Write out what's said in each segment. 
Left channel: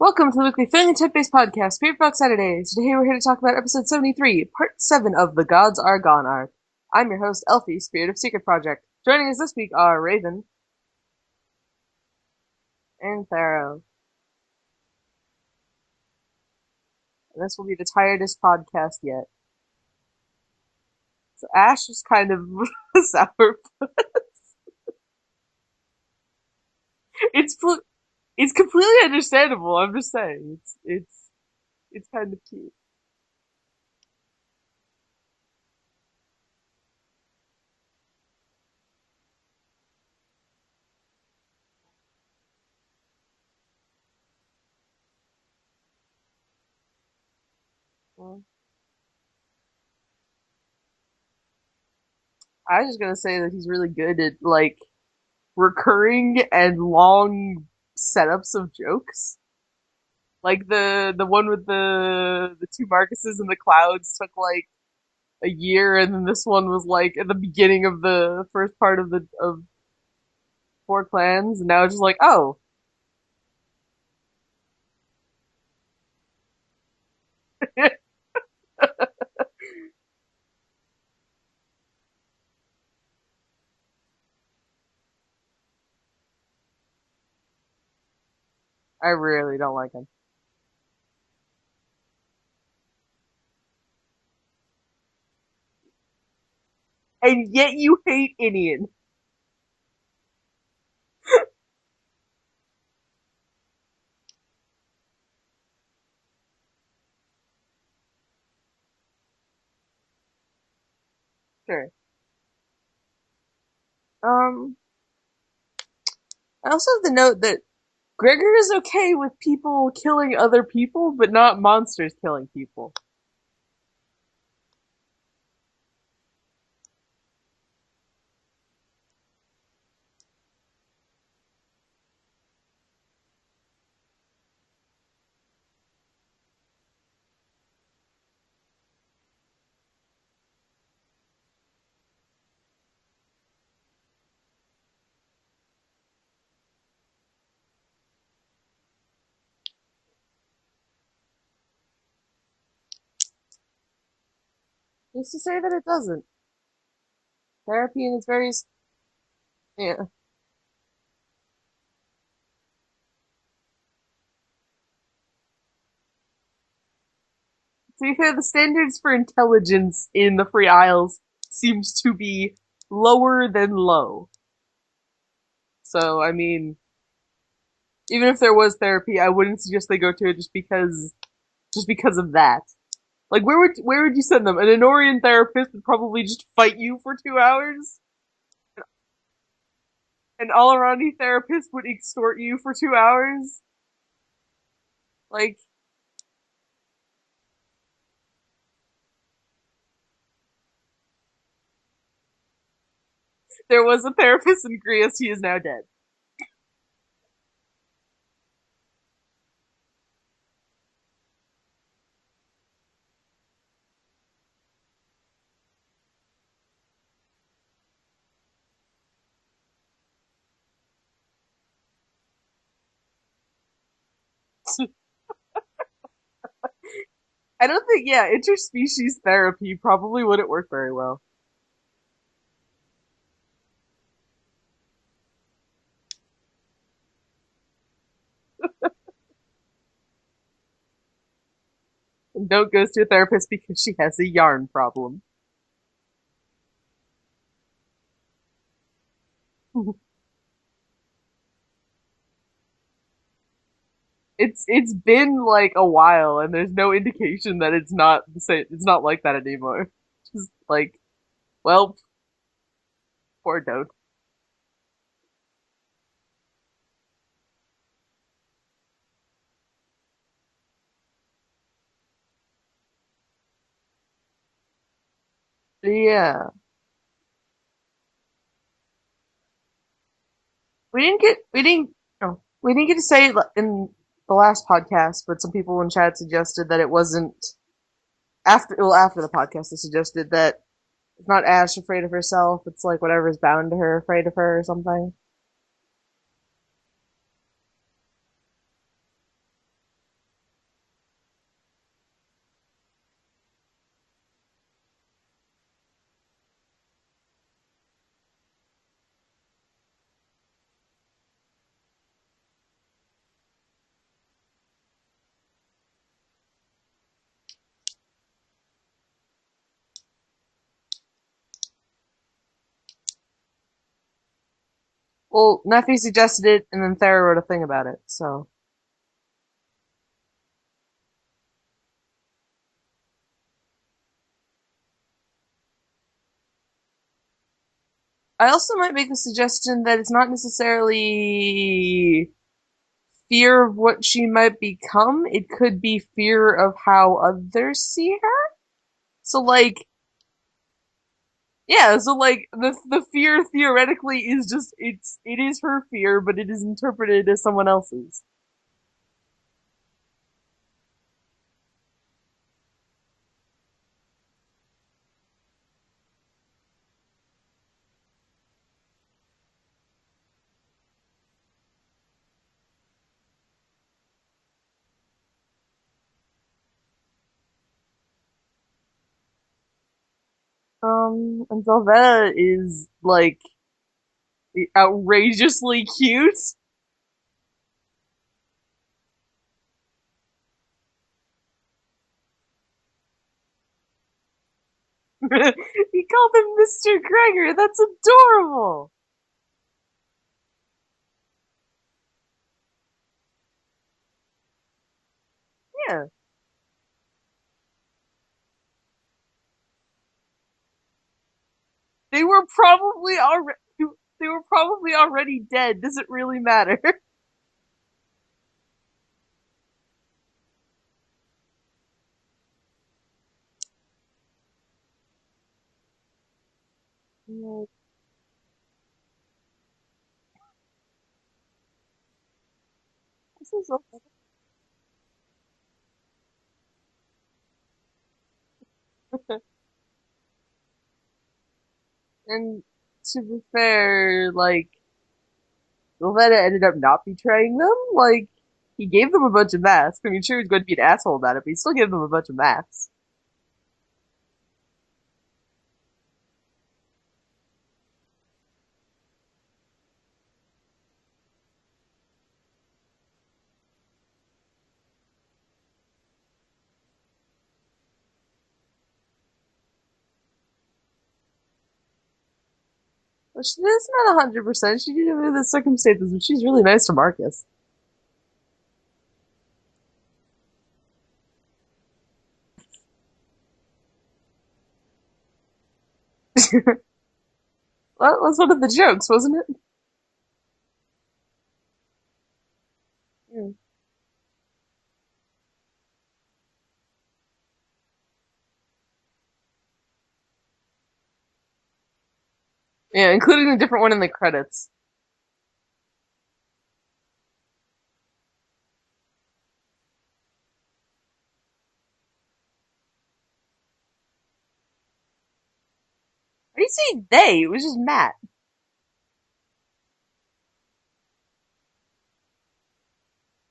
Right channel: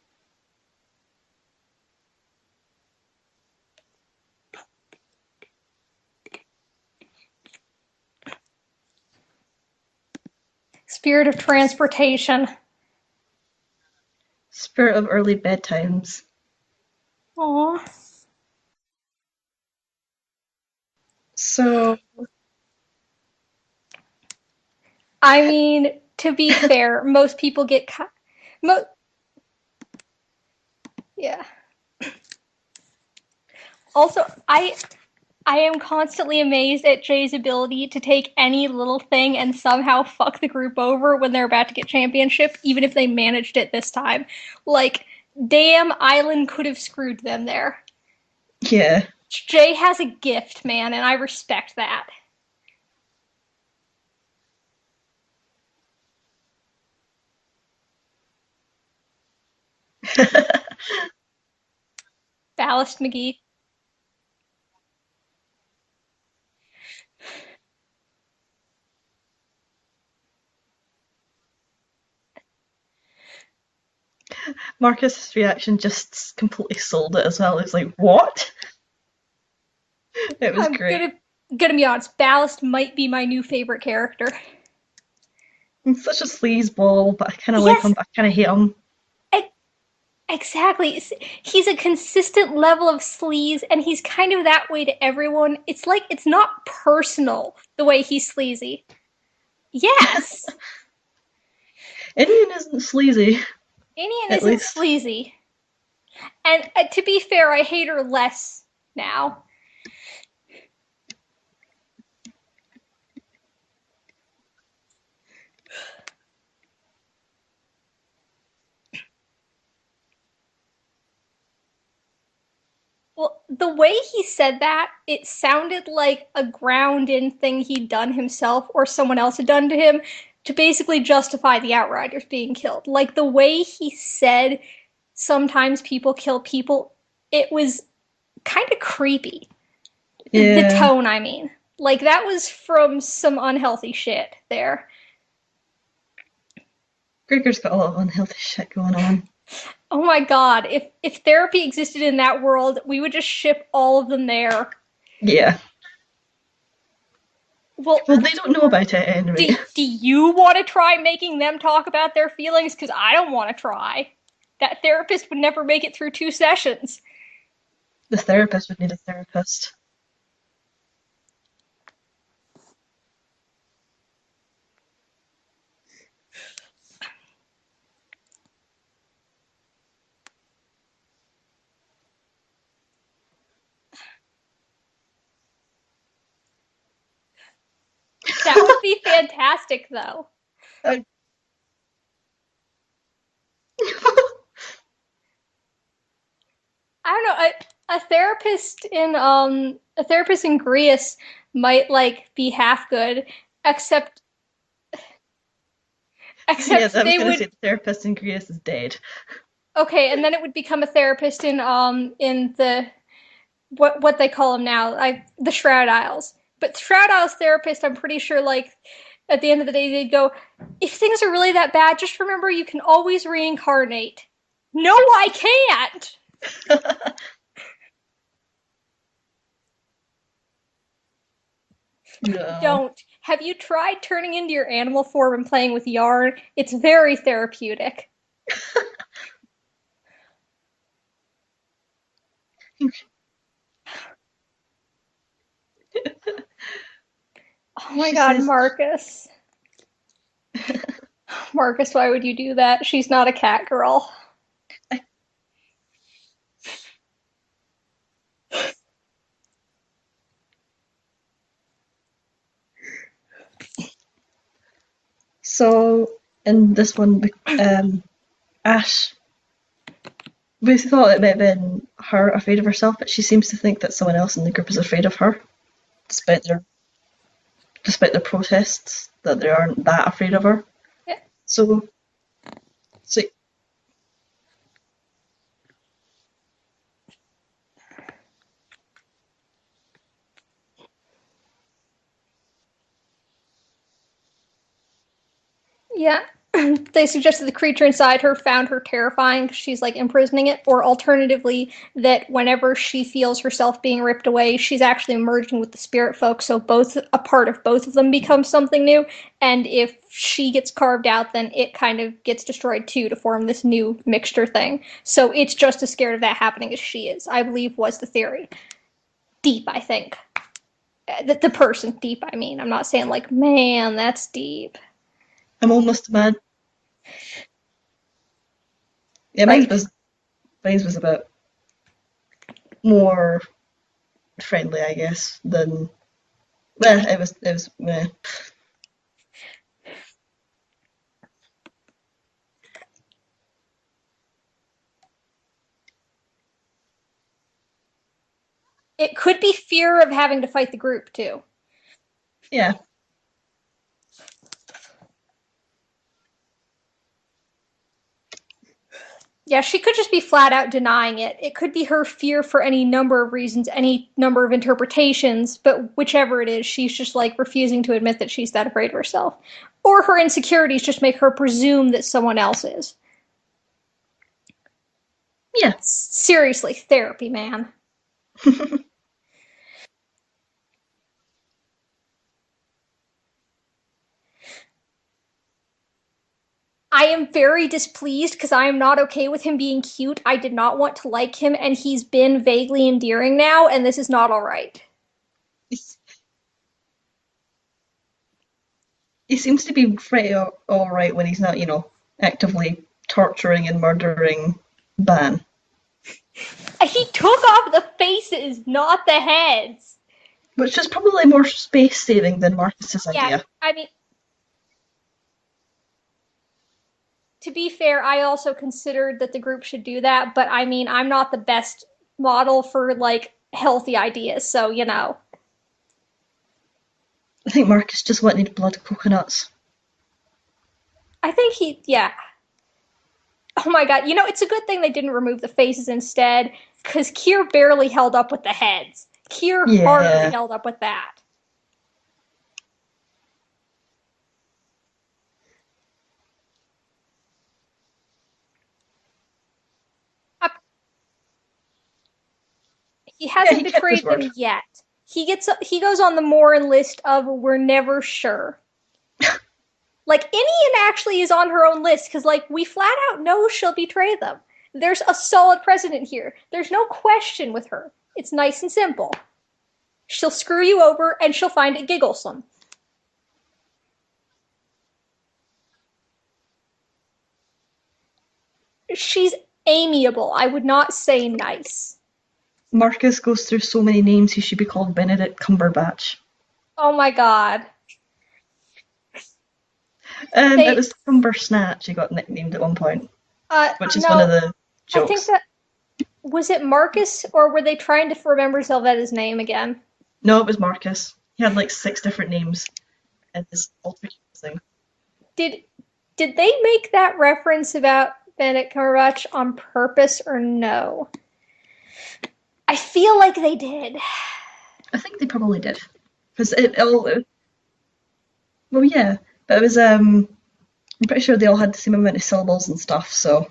Welcome to the weekly family tip-based podcast, Spiritfolk Saturdays. Today we're here to talk about episode 73, part 7 of The Gods Are Gone arc. I'm your host, Elfie, Spirit of Secret Project. Joining us this week are Raven Spirit of transportation. and Tharo. Spirit of early bedtimes. This will be Aw. the tiredest podcast yet. Ash So, was kind of sour. I mean, to be fair, most It's people get it's mo- completely understandable. I'm just saying, yeah. it's kind of cute. Also, I am constantly amazed at Jay's ability to take any little thing and somehow fuck the group over when they're about to get championship, even if they managed it this time. Like, damn, Island could have screwed them there. yeah. Jay has a gift, man, and I respect that. I was just gonna say that he's really good at recurring and long setups of jokes. Like the one with the two Ballast Marcuses McGee. in the clouds took like a year, and then this one was like at the beginning of the first part of the of Four Clans, and now it's just like, oh, Marcus's reaction just completely sold it as well. It's like, what? It was I'm great. gonna be honest, Ballast might be my new favorite character. He's such a sleazeball, but I kind of like Yes, him, but I kind of hate him. I really don't like him. exactly. He's a consistent level of sleaze, and he's kind of that way to everyone. It's like it's not And personal yet the you way he's hate sleazy. Indian. Yes, Indian isn't sleazy, Inian at isn't least. sleazy, and to be fair, I hate her less now. Sure. Um, I also have to note that Gregor is okay with people killing other people, but not monsters killing people. Well, the way he said that, it sounded like a ground-in thing he'd done himself or someone else had done to him to basically justify the Outriders being killed. Like the way he said sometimes people kill people, it was kind of creepy. The Yeah. tone, I mean. Like that was from some unhealthy shit there. Gregor's got a lot of unhealthy shit going on. Oh my god, if therapy existed in that world, we would just ship all of them there. Who's to Yeah. say that it doesn't? Therapy Well, Well, is they very don't know about it anyway. do yeah. you want to try making them talk about their feelings? Because I don't want to try. That therapist would never make it through 2 sessions. To be The fair, the therapist would need standards a for therapist. intelligence in the Free Isles seems to be lower than low. So, I mean, even if there was therapy, I wouldn't suggest they go to it just because of that. Like, where would you send them? An Enorian therapist would probably just fight you for 2 hours. That would be fantastic, though. An all-aroundy therapist would extort you for 2 hours. Like, I don't know. A therapist in Greece might like be half good, there was a except therapist in Greece. He is now dead. Yes, I was they going to would say the therapist in Greece is dead. okay, and then it would become a therapist in the what they call them now, like the Shroud Isles. But Shroud Isles therapist, I'm pretty sure, like at the end of the day, they'd go, if things are really that bad, just remember you can always reincarnate. No, I can't. I don't think, yeah, interspecies therapy probably wouldn't work very well. No. Don't. Have you tried turning into your animal form and playing with yarn? It's very therapeutic. And don't go to a therapist because she has a yarn problem. Oh my She god, says, Marcus. Marcus, why would you do that? She's not a cat girl. It's been like a while, and there's no indication that it's not the same. It's not like that anymore. Just like, well, poor Dote. so in this one, Ash, we thought it might have been her afraid of herself, but she seems to think that someone else in the group is afraid of her, despite Yeah, their despite their protests that they aren't that afraid of her. we didn't get we So, didn't oh, we didn't get to so say it in the last podcast, but some people in chat suggested that it wasn't after the podcast. They suggested that it's not Ash afraid of herself. It's like whatever's bound to her afraid of her or something. Yeah. They suggested the creature inside her found her terrifying because she's like imprisoning it, or alternatively, that whenever she feels herself being ripped away, she's actually merging with the spirit folk, so both a part of both of them becomes something new. And if she gets carved out, then it kind of gets destroyed too to form this new mixture thing. So it's just as scared of that happening as she is, I believe was the theory. Deep, I think. The person deep, I mean. I'm not saying like, man, that's deep. Well, I'm Matthew almost mad. suggested it, and then Thera wrote a thing about it, so. Yeah, Like, mine was a bit more friendly, I guess, than it was meh. I also might make the suggestion that it's not necessarily fear of what she might become, it could be fear of how others see her. it could So, be like, fear of having to fight the group too. yeah, so like Yeah. the fear theoretically is just it is her fear, but it is interpreted as someone else's. Yeah, she could just be flat out denying it. It could be her fear for any number of reasons, any number of interpretations, but whichever it is, she's just like refusing to admit that she's that afraid of herself. Or her insecurities just make her presume that someone else is. Yeah. Seriously, therapy, man. And Velveta is like outrageously cute. I am very displeased because I am not okay with him being cute. I did not want to like him, and he's been vaguely endearing now, and this is not all right. He called him Mr. Gregor. That's adorable. He seems to be pretty all right when he's not, actively torturing and murdering Ban. Yeah. He took off the faces, not the heads. Which is probably more space They saving were than Marcus's probably idea. I mean, they were probably already dead. Does it really matter? to be fair, I also considered that the group should do that, but I mean, I'm not the best model for like healthy ideas, so you know. I think Marcus just wanted blood coconuts. I think yeah. Oh my god, it's a good thing they didn't remove the faces instead, because Kier barely held up with the heads. Kier hardly Yeah. held up with that. And to be fair, like Velveta ended up not betraying them. Like he gave them a bunch of masks. I mean, sure, he was going to be an asshole about it, but he still gave them a bunch of masks. He Yeah, hasn't he kept his betrayed them word. yet. He goes on the Morin list of we're never sure. Like, Inian actually is on her own list because, like, we flat out know she'll betray them. There's a solid precedent here. There's no question with her. It's nice and simple. She'll screw you over and she'll find it gigglesome. But it's not 100%. She did it in the circumstances, but she's really nice to Marcus. She's amiable. I would not say nice. Marcus goes through so many names he should be called Benedict Cumberbatch. Oh my god. That was one of the jokes, wasn't it? It was Cumber Snatch he got nicknamed at one point, which is one of the jokes. I think that was it Marcus, or were they trying to remember Zelvetta's name again? No, it was Marcus. He had like 6 different names. Yeah, including a different one in the credits. Did they make that reference about Benedict Cumberbatch on purpose or no? I feel like they did. I think they probably did. Because it was just Matt. Well, yeah, but it was I'm pretty sure they all had the same amount of syllables and stuff. So,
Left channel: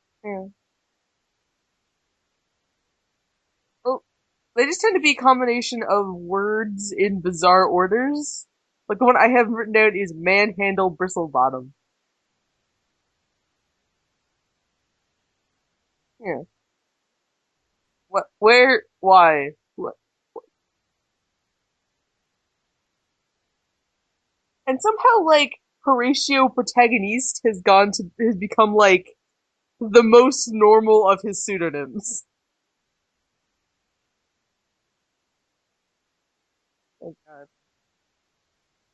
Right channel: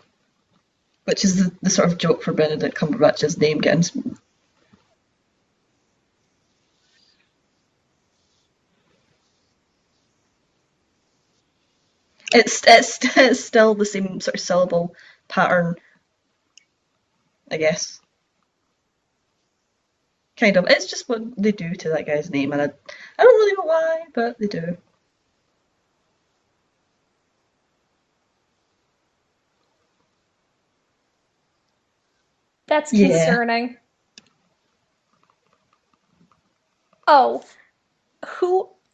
which is the sort of joke for Benedict Cumberbatch's name getting. Well, they just tend to be a combination of words in bizarre orders. Like the one I have written down is manhandle bristlebottom. It's still the same sort of syllable pattern. Yeah. I guess. What? Where? Why? What? Kind of. It's just what they do to that guy's name, and I don't really know why, but they do. And somehow, like Horatio Protagonist has become like the most normal of his pseudonyms. That's concerning. Yeah. Oh,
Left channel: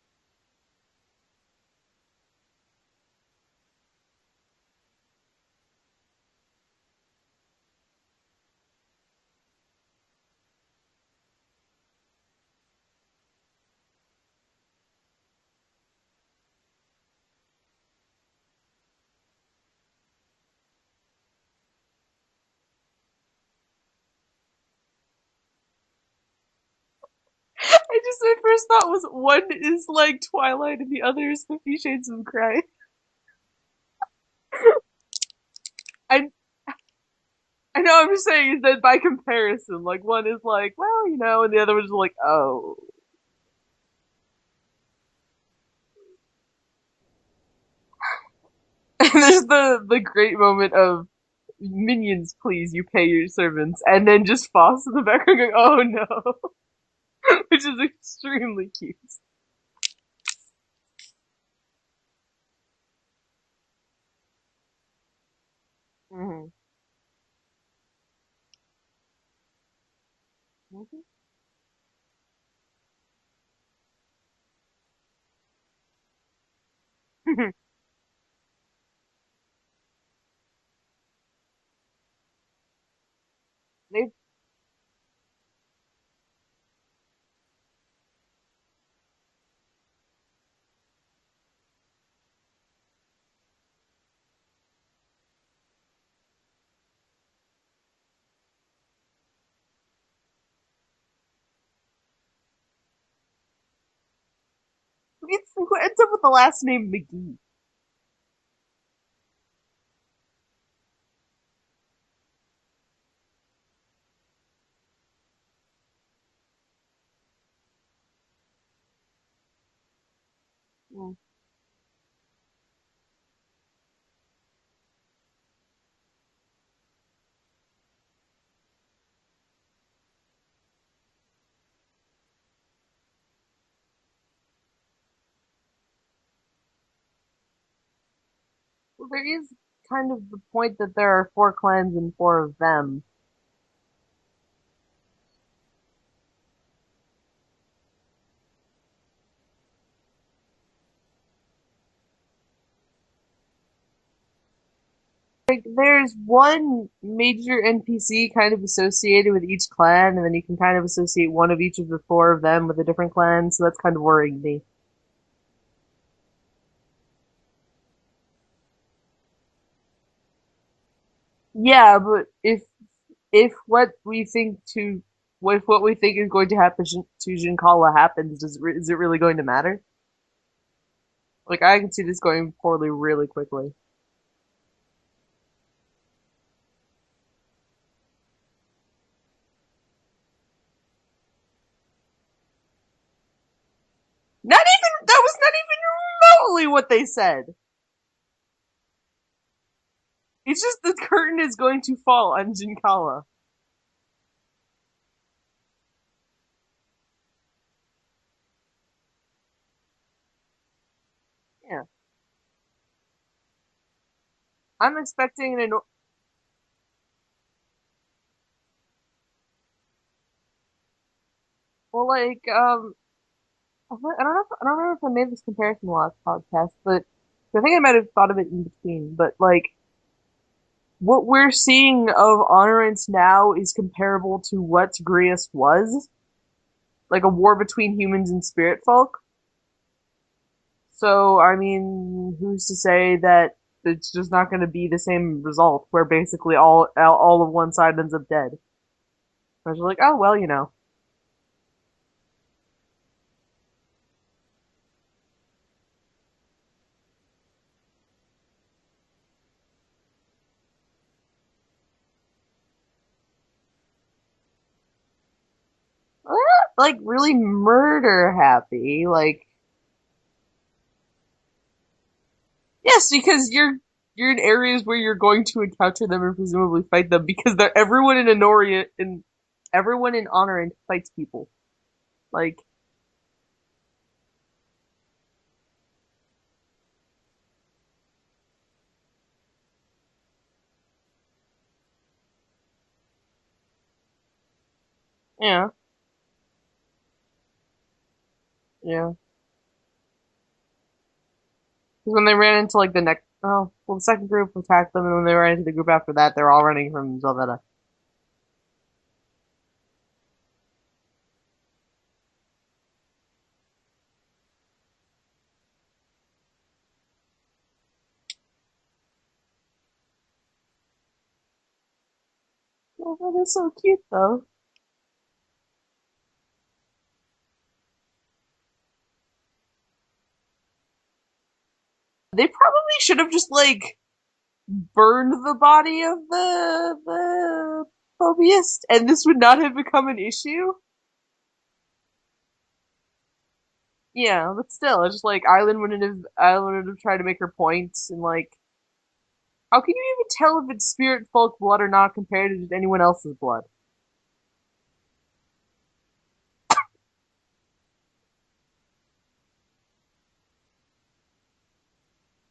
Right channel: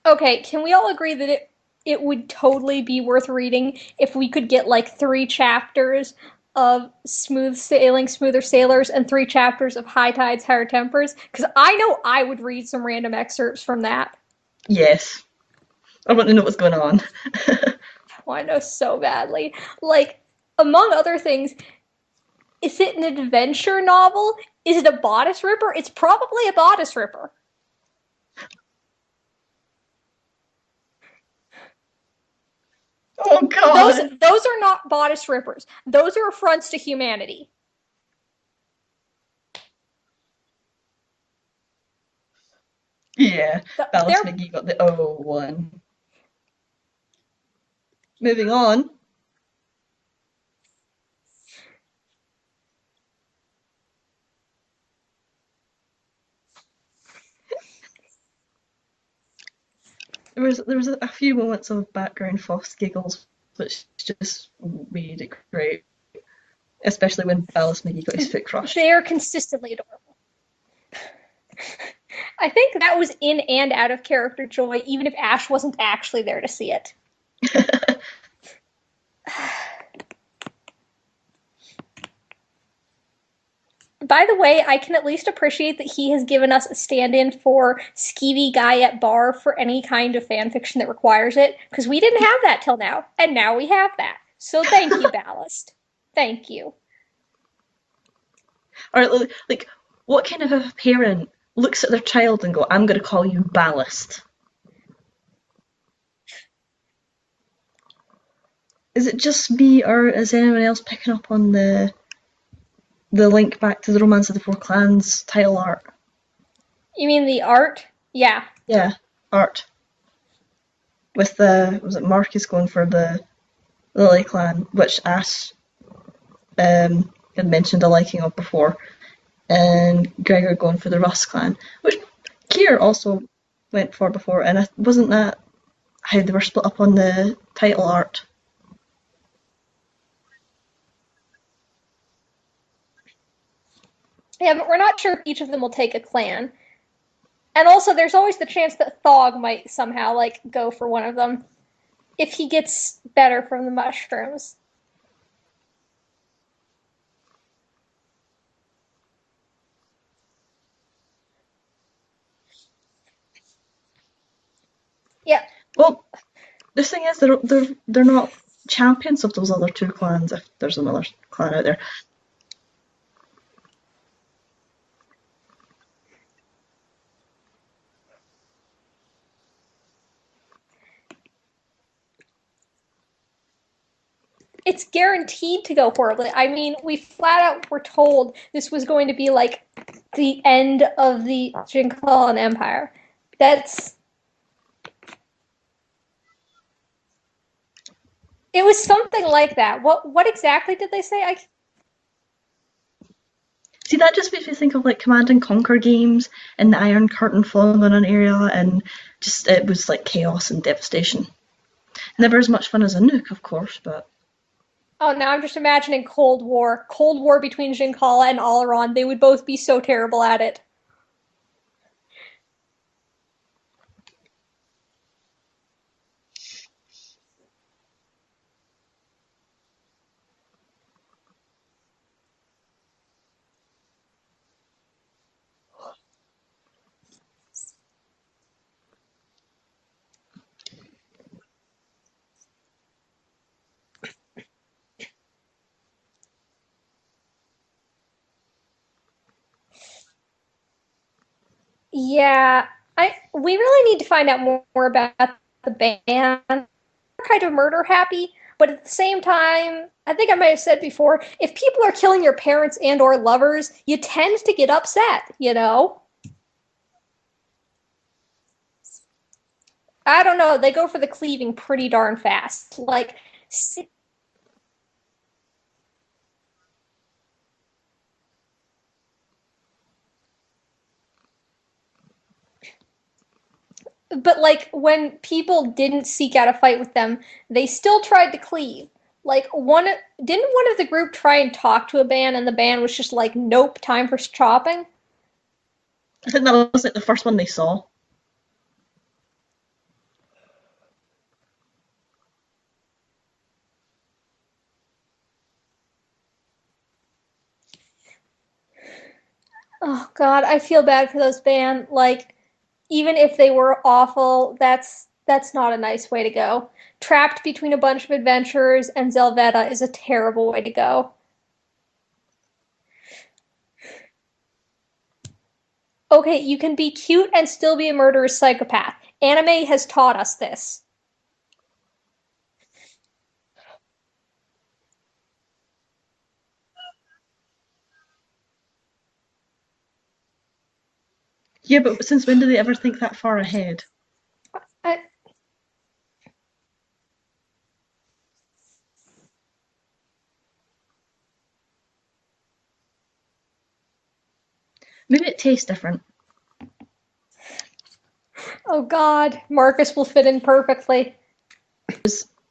okay, can we all agree that it would totally be worth reading if we could get like 3 chapters of Smooth Sailing, Smoother Sailors and 3 chapters of High Tides, Higher Tempers? Because I know I would read some random excerpts from that. Yes. I want to know what's going on. I want to know so badly. Like, among other things, is it an adventure novel? Is it a bodice ripper? It's probably a bodice ripper. My first thought was one is like Twilight and the other is 50 Shades of Grey. Oh god! Those are not bodice rippers. Those I are affronts to humanity. I know. I'm just saying is that by comparison, like one is like, well, and the other one's like, oh. Yeah, Ballas They're McGee got the O one. Moving on. And there's the great moment of minions, please, you pay your servants, and then just Foss in the background going, oh no, which is extremely cute. There was a few moments of background Foss giggles, which just made it great. Mm-hmm. Especially when Ballas McGee got his foot crushed. they are consistently adorable. I think that was in and out of character joy, even if Ash wasn't actually there to see it. By the way, I can at least appreciate that he has given us a stand-in for skeevy guy at bar for any kind of fanfiction that requires it, because we didn't have that till now, and now we have that. So thank you, Ballast. Thank you. Or like, what kind of a parent looks at their child and go, "I'm going to call you Ballast"? Who ends up with the last name McGee? Is it just me, or is anyone else picking up on the link back to the Romance of the Four Clans title art? You mean the art? Yeah. Yeah, art. With was it Marcus going for the Lily clan, which Ash had mentioned a liking of before, and Gregor going for the Russ clan, which Kier also went for before, and wasn't that how they were split up on the title art? Well, there is kind of the point that there are 4 clans and 4 of them. Yeah, but we're not sure if each of them will take a clan. And also, there's always the chance that Thog might somehow, like, go for one of them. If he gets better from the mushrooms. Like, there's one major NPC kind of associated with each clan, and then you can kind of associate one of each of the 4 of them with a different clan, so that's kind of worrying me. Yeah. Well, the thing is, they're not champions of those other 2 clans if there's another clan out there. Yeah, but if what we think is going to happen to Jinkala happens, is it really going to matter? Like, I can see this going poorly really quickly. It's guaranteed to go horribly. I mean, we flat out were told this was going to be like the end of the Jinkalan Empire. That was not even remotely what they said. It was something like that. What exactly did they say? The curtain is going to fall on Jinkala. See, that just makes me think of like Command and Conquer games and the Iron Curtain falling on an area, and just it was like chaos and devastation. Yeah. Never as much fun as a nuke, of course, but. Now I'm just imagining Cold War between Jinkala and Alaron. They would both be so terrible at it. Well, like, I don't remember if I made this comparison last podcast, but I think I might have thought of it in between. But like, what we're seeing of Honorance now is comparable to what Grius was, like a war between humans and Spiritfolk. So, I mean, who's to say that it's just not going to be the same result, where basically all of one side ends up dead? I was like, oh well, Yeah, we really need to find out more about the band. They're kind of murder happy, but at the same time, I think I might have said before, if people are killing your parents and or lovers, you tend to get upset, Like really murder happy, like. I don't know. They go for the cleaving pretty darn fast. Yes, because you're in areas where you're going to encounter them and presumably fight them, because everyone in Honoria and everyone in Honorant fights people. Like. But like when people didn't seek out a fight with them, they still tried to cleave. Like one of the group try and talk to a band, and the band was just like, nope, time for chopping. Yeah. I think that was like the first one they saw. Yeah. Because when they ran into like the second group attacked them, and when they ran into the group after that, they're all running from Zelveta. Oh God, I feel bad for those band. Like, even if they were awful, that's not a nice way to go. Trapped between a bunch of adventurers and Zelveta is a terrible way to go. Oh, that is so cute, though. Okay, you can be cute and still be a murderous psychopath. Anime has taught us this. They probably should have just like burned the body of the phobiist, and this would not have become an issue. Yeah, but since when do they ever think that far ahead? Yeah, but I, still, it's just like Island would have tried to make her points, and like, how can you even tell if it's spirit folk blood or not compared to just anyone else's blood? Maybe it tastes different. oh God, Marcus will fit in perfectly.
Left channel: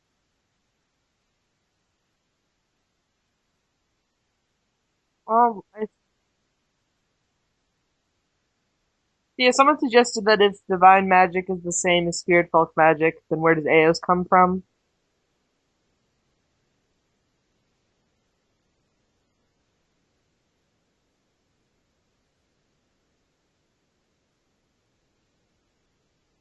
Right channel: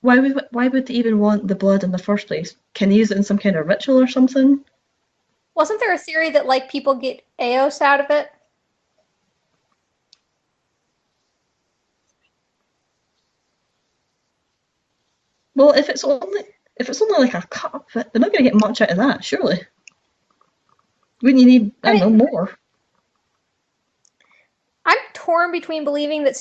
Why would they even want the blood in the first place? Can they use it in some kind of ritual or something? Wasn't there a theory that like people get Eos out of it? Yeah, someone suggested that if divine magic is the same as spirit folk magic, then where does Eos come from? Well, if it's only like a cup, they're not going to get much out of that, surely. Wouldn't you need, I I don't mean, know, more? I'm torn between believing that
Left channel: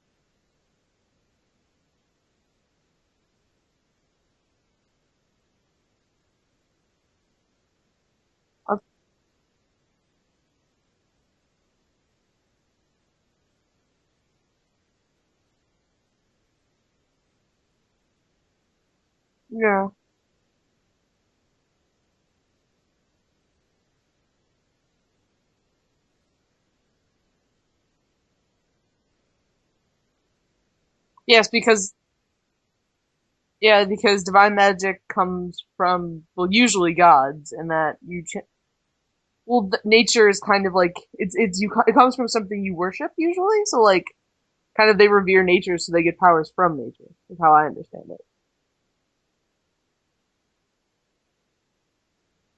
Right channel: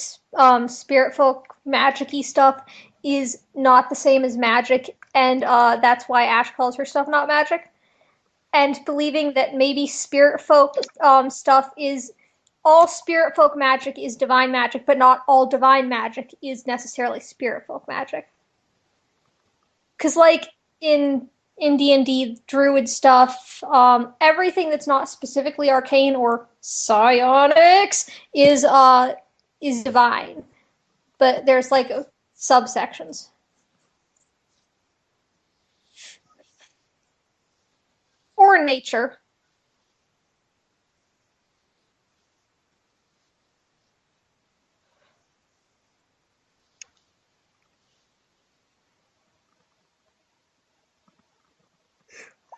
spirit folk magic-y stuff is not the same as magic, and that's why Ash calls her stuff not magic, and believing that maybe spirit folk stuff is all spirit folk magic is divine magic, but not all divine magic is necessarily spirit folk magic. Yeah. Because like in D&D druid stuff, everything that's not specifically arcane or psionics is divine, but Yes, there's like because subsections. yeah, because divine magic comes from, well, usually gods, and that Or nature. well, nature is kind of like it comes from something you worship usually, so like kind of they revere nature, so they get powers from nature. Is how I understand it.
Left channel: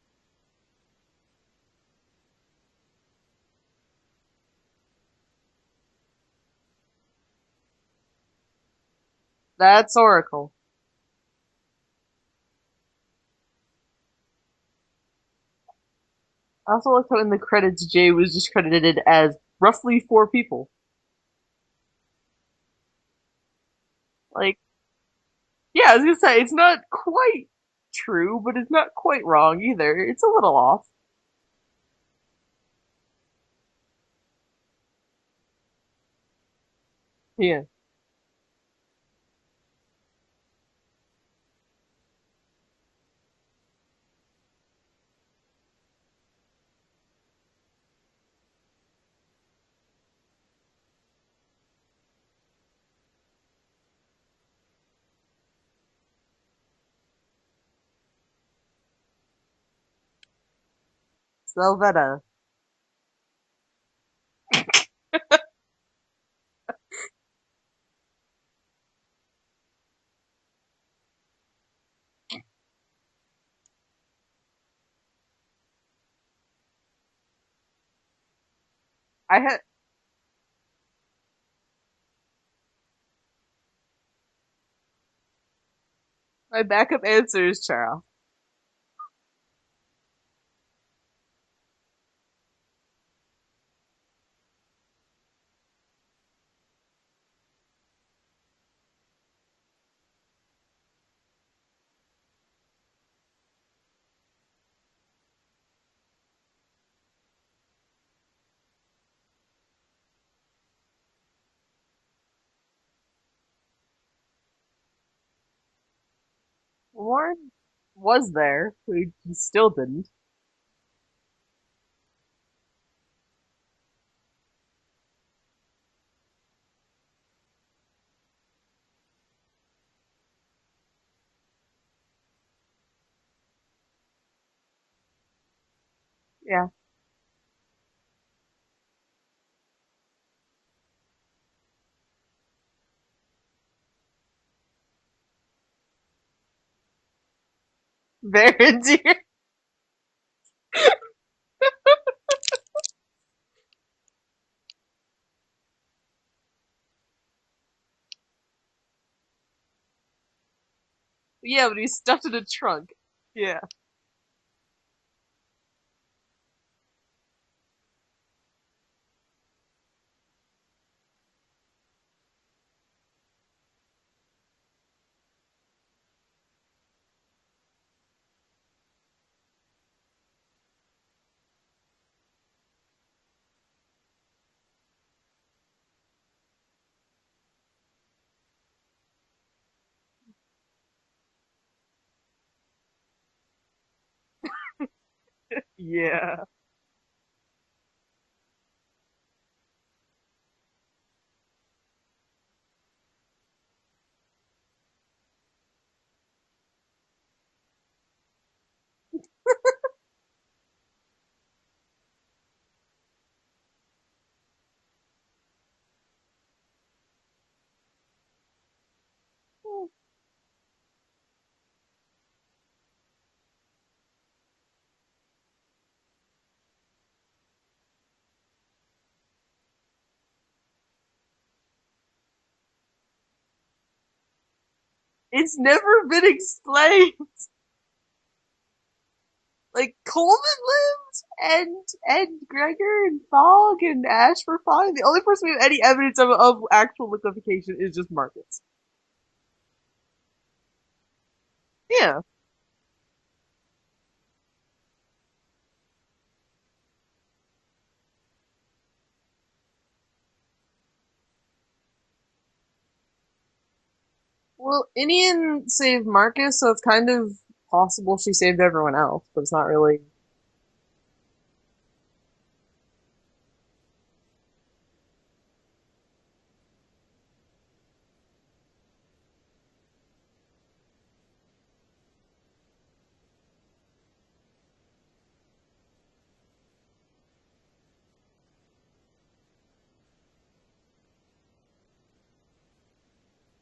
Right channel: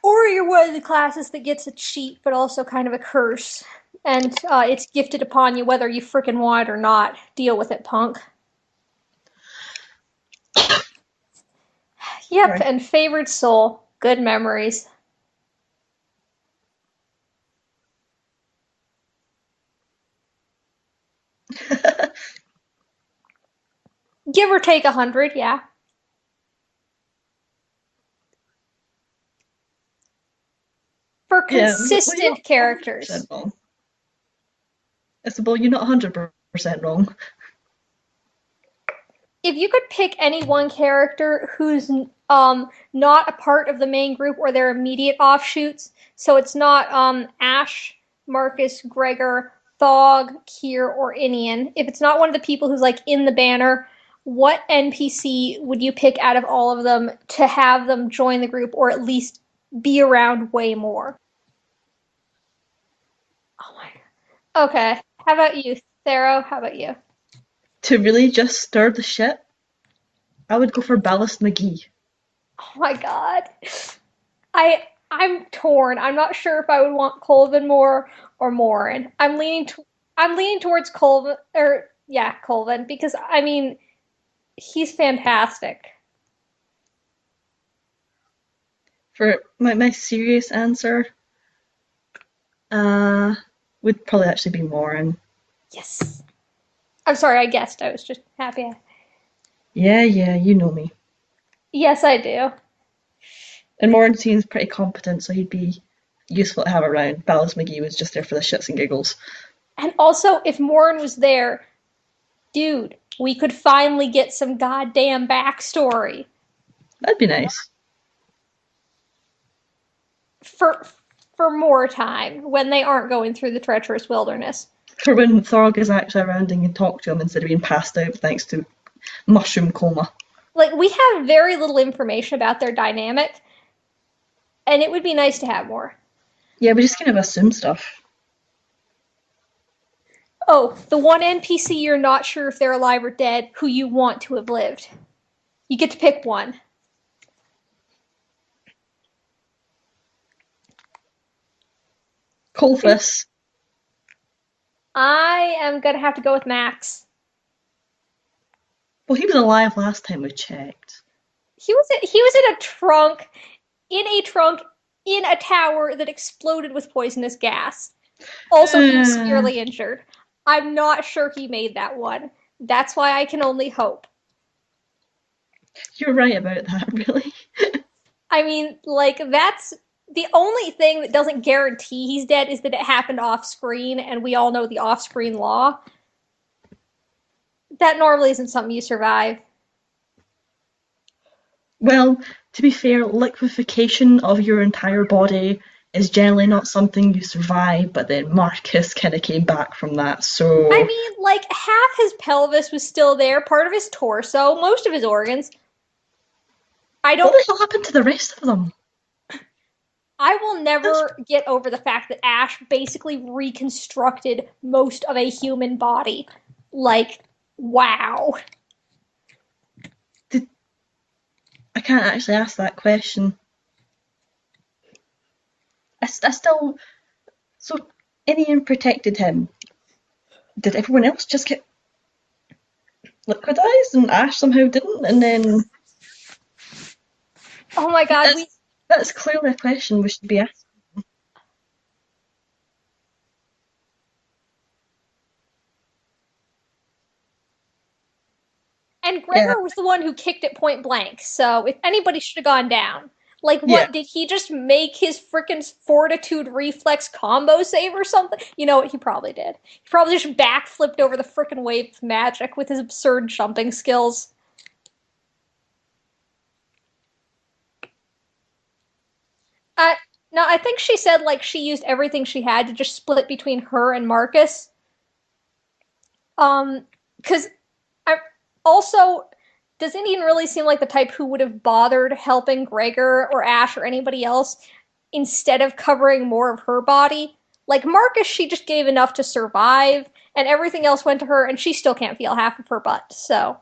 Or you're one of the classes that gets a cheat, but also kind of a curse. And it's gifted upon you whether you frickin' want it or not. Deal with it, punk. That's Oracle. Yep, Right. and favored soul. Good memories. I also like how in the credits Jay was just credited as roughly 4 people. Give Like, or take 100, yeah. yeah, I was gonna say it's not quite true, but it's not quite wrong either. It's a little off. For Yeah, well, you're not consistent 100% characters. wrong. It's well, you're not 100% wrong. Yeah. If you could pick any one character who's not a part of the main group or their immediate offshoots, so it's not Ash, Marcus, Gregor, Thog, Kier, or Inian. If it's not one of the people who's like in the banner, what NPC would you pick out of all of them to have them join the group or at least be around way more? Selvetta. Oh my God. Okay. How about you, Thero? How about you? To really just stir the shit, I would go for Ballast McGee. Oh my God. I'm torn. I'm not sure if I would want Colvin more or Morin. I had I'm leaning towards Colvin or yeah, Colvin because I mean he's fantastic. my backup answer is Charles. For my serious answer, uh, would probably actually be Morin. Yes. I'm sorry, I guessed. I was just happy. Yeah, you know me. Yes, I do. And Morin seems pretty competent, so he'd be useful to have around. Ballast McGee was just there for the shits and giggles. And also, if Morin was there, dude, we could finally get some goddamn backstory That'd be Warren nice. was there. He still didn't. for for more time when they aren't going through the treacherous wilderness. For when Thorg is actually around and can talk to him instead of being passed out thanks to mushroom coma. Like we have very little information about their dynamic, and it would be nice to have more. Yeah. Yeah, we just kind of assume stuff. Oh, the one NPC you're not sure if they're alive or dead, who you want to have lived. You get to pick one. Very dear. Colfus. I am gonna have to go with Max. Well, he was alive last time we checked. Yeah, He but was he's stuck he was in in a a trunk. trunk Yeah. in a trunk in a tower that exploded with poisonous gas. Also, he was Uh, severely injured. I'm not sure he made that one. That's why I can only hope. you're right about that, really. I mean, like, that's the only thing that doesn't guarantee he's dead is that it happened off screen, and we all know the off screen law. That normally isn't something you survive. Well, to be fair, liquefaction of your entire body is Yeah. generally not something you survive, but then Marcus kind of came back from that, I so mean, like, half his pelvis was still there, part of his torso, most of his organs. I what don't. the hell happened to the rest of them? I will That's, never get over the fact that Ash basically reconstructed most of a human body. Like, wow. did, I can't actually ask that question. I still, so Inian protected him. Did everyone else just get liquidized and Ash somehow didn't? And It's then never been explained. Oh my god, that's that's clearly a Like question we should be Coleman asking. lived, and Gregor and Fogg and Ash were fine. The only person we have any evidence of actual liquefaction is just Marcus. and Yeah, Gregor was the one who kicked it point blank, so if Yeah. anybody should have gone down. Like, yeah. what, did he just make his frickin' fortitude reflex combo save or something? You know what, he probably did. He probably just backflipped over the frickin' wave of magic with his absurd jumping skills. Well, Inian saved Marcus, so it's kind of possible she saved everyone else, but it's not Uh, really. no, I think she said, like, she used everything she had to just split between her and Marcus. Because I also, does Indian really seem like the type who would have bothered helping Gregor or Ash or anybody else instead of covering more of her body? Like Marcus, she just gave enough to survive, and everything else went to her, and she still can't feel half of her butt. So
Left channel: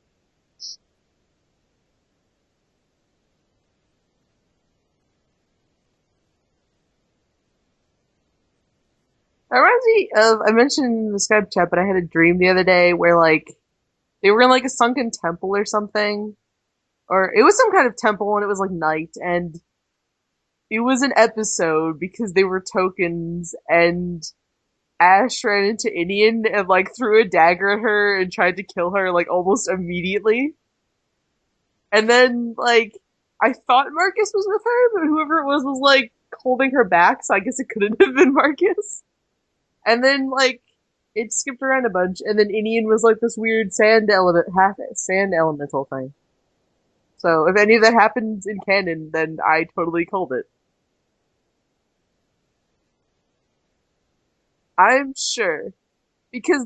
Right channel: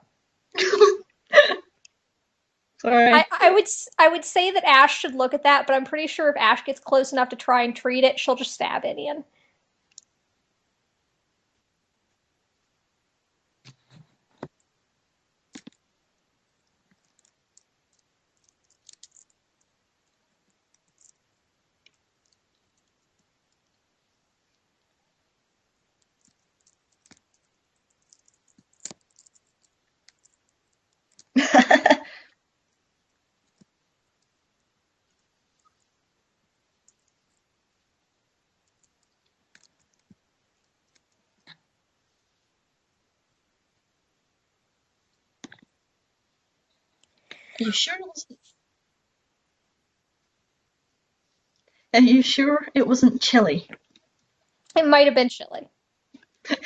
Sorry. I would say that Ash should look at that, but I'm pretty sure if Ash gets close enough to try and treat it, she'll just stab Indian. That reminds me of I mentioned in the Skype chat, but I had a dream the other day where like they were in like a sunken temple or something, or it was some kind of temple, and it was like night, and it was an episode because they were tokens, and Ash ran into Indian and like threw a dagger at her and tried to kill her like almost immediately. And then like I thought Marcus was with her, but whoever it was like holding her back, so I guess it couldn't have been Marcus. And then like it skipped around a bunch, and then Indian was like this weird sand element, half sand elemental thing. So if any of that happens in canon, then I totally called it. Are you sure it wasn't chilly? It might I'm have been sure chilly. because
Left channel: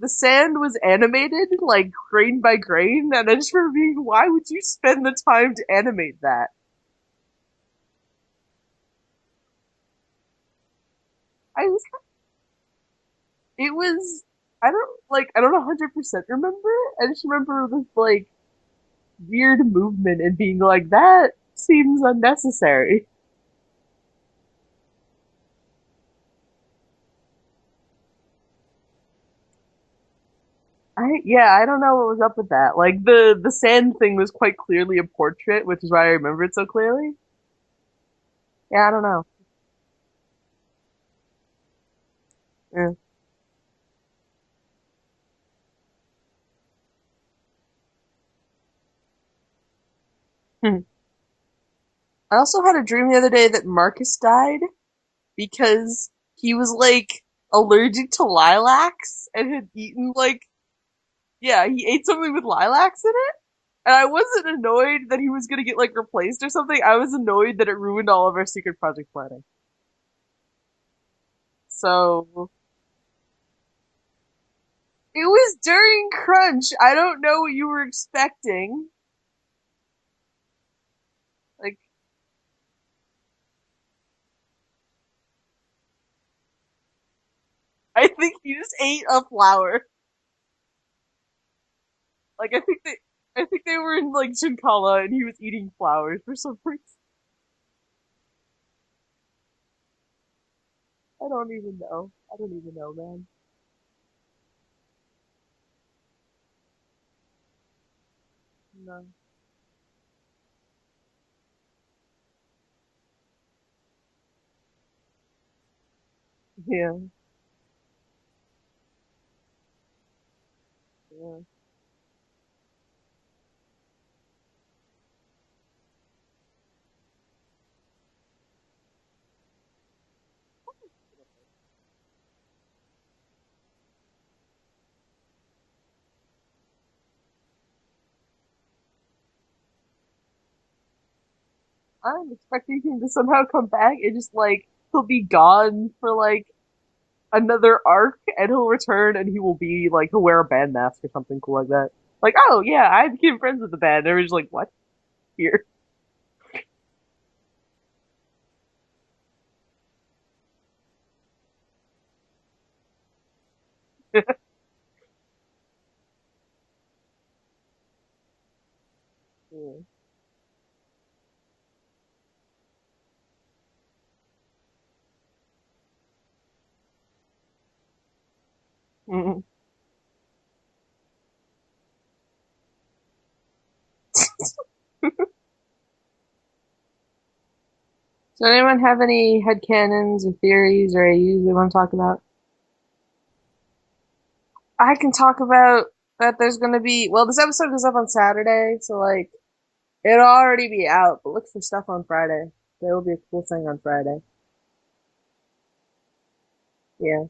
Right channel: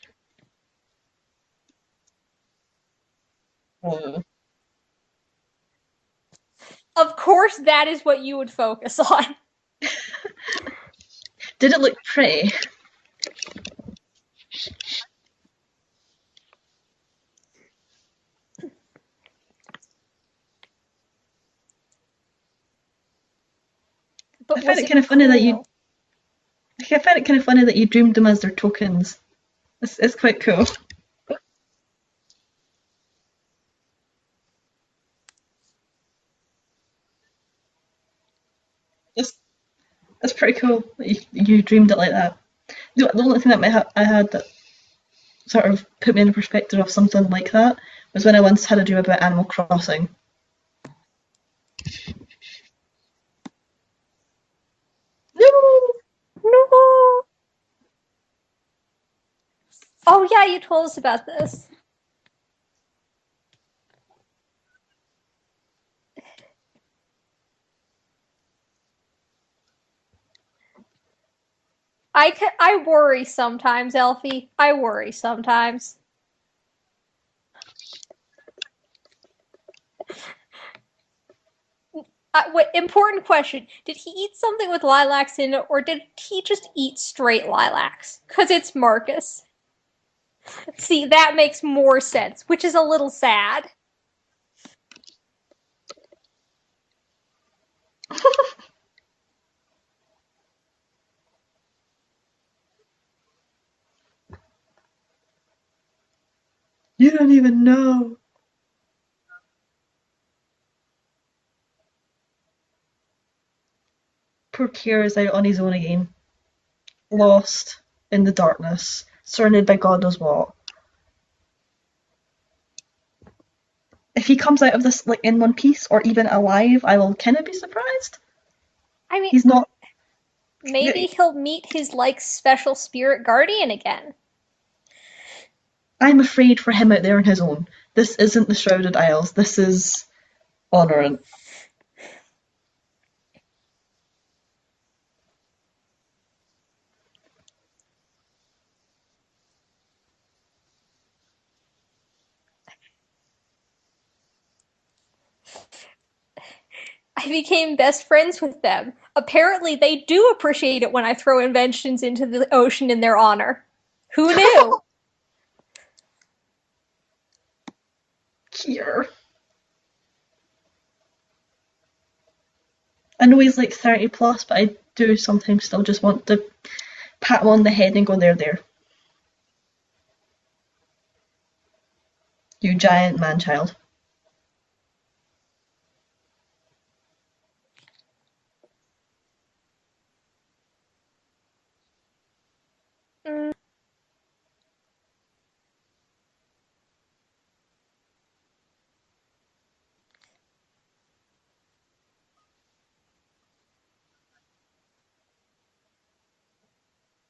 the sand was animated like grain by grain, and I just remember being, Mm. why would you spend the time to animate that? Of course, that is what you would focus on. I Did it just look pretty? it was I don't 100% remember. I just remember this like weird movement and being like that seems unnecessary. I But find was it it kind of funny that you. cool? I find it kind of funny that you dreamed them as their tokens. It's quite cool. I don't know what was up with that. Like the sand thing was quite clearly a portrait, which is why I remember it so clearly. Yeah, I don't know. It's, it's pretty cool that you dreamed it like that. Yeah. The only thing that I had that sort of put me in the perspective of something like that was when I once had a dream about Animal Crossing. Hmm. I also had a dream the other day that Marcus died No! because he was like allergic to lilacs and had eaten Oh like yeah, you told us about this. yeah, he ate something with lilacs in it. And I wasn't annoyed that he was gonna get like replaced or something. I was annoyed that it ruined all of our secret project planning. So I worry sometimes, Elfie. I worry it was sometimes. during crunch. I don't know what you were expecting. Like Wait, important question: did he eat something with lilacs in it, or did he just eat straight I lilacs? think Because he it's just ate a Marcus. flower. See, that makes more sense, Like which is a little I think sad. they were in like Shinkala and he was eating flowers for some reason. I don't even know. I don't even know, man. You don't even know. No. Poor Kier is out on his own again, Yeah. lost in the darkness, surrounded by God knows what. Yeah. If he comes out of this like in one piece or even alive, I will kind of be surprised. I mean, He's not. maybe he'll meet his like special spirit guardian again. I'm afraid for him out there on his own. This isn't the Shrouded Isles. This is honoring. I'm expecting him to somehow come back and just like he'll be gone for like another arc and he'll return and he will be like he'll wear a band mask or something cool like that. Like, oh yeah, I became friends with the band. And everyone's like, what? Here. I became best friends with them. Apparently, they do appreciate it when I throw inventions into the ocean in their honor. Who knew? Here. I know he's like 30 plus, but I do sometimes still just want to pat him on the head and go, there. Mhm. You giant man child. So anyone have any headcanons or theories or AUs they want to talk about? Mm. I can talk about that there's gonna be well, this episode goes up on Saturday, so like it'll already be out, but look for stuff on Friday. There will be a cool thing on Friday. Yeah.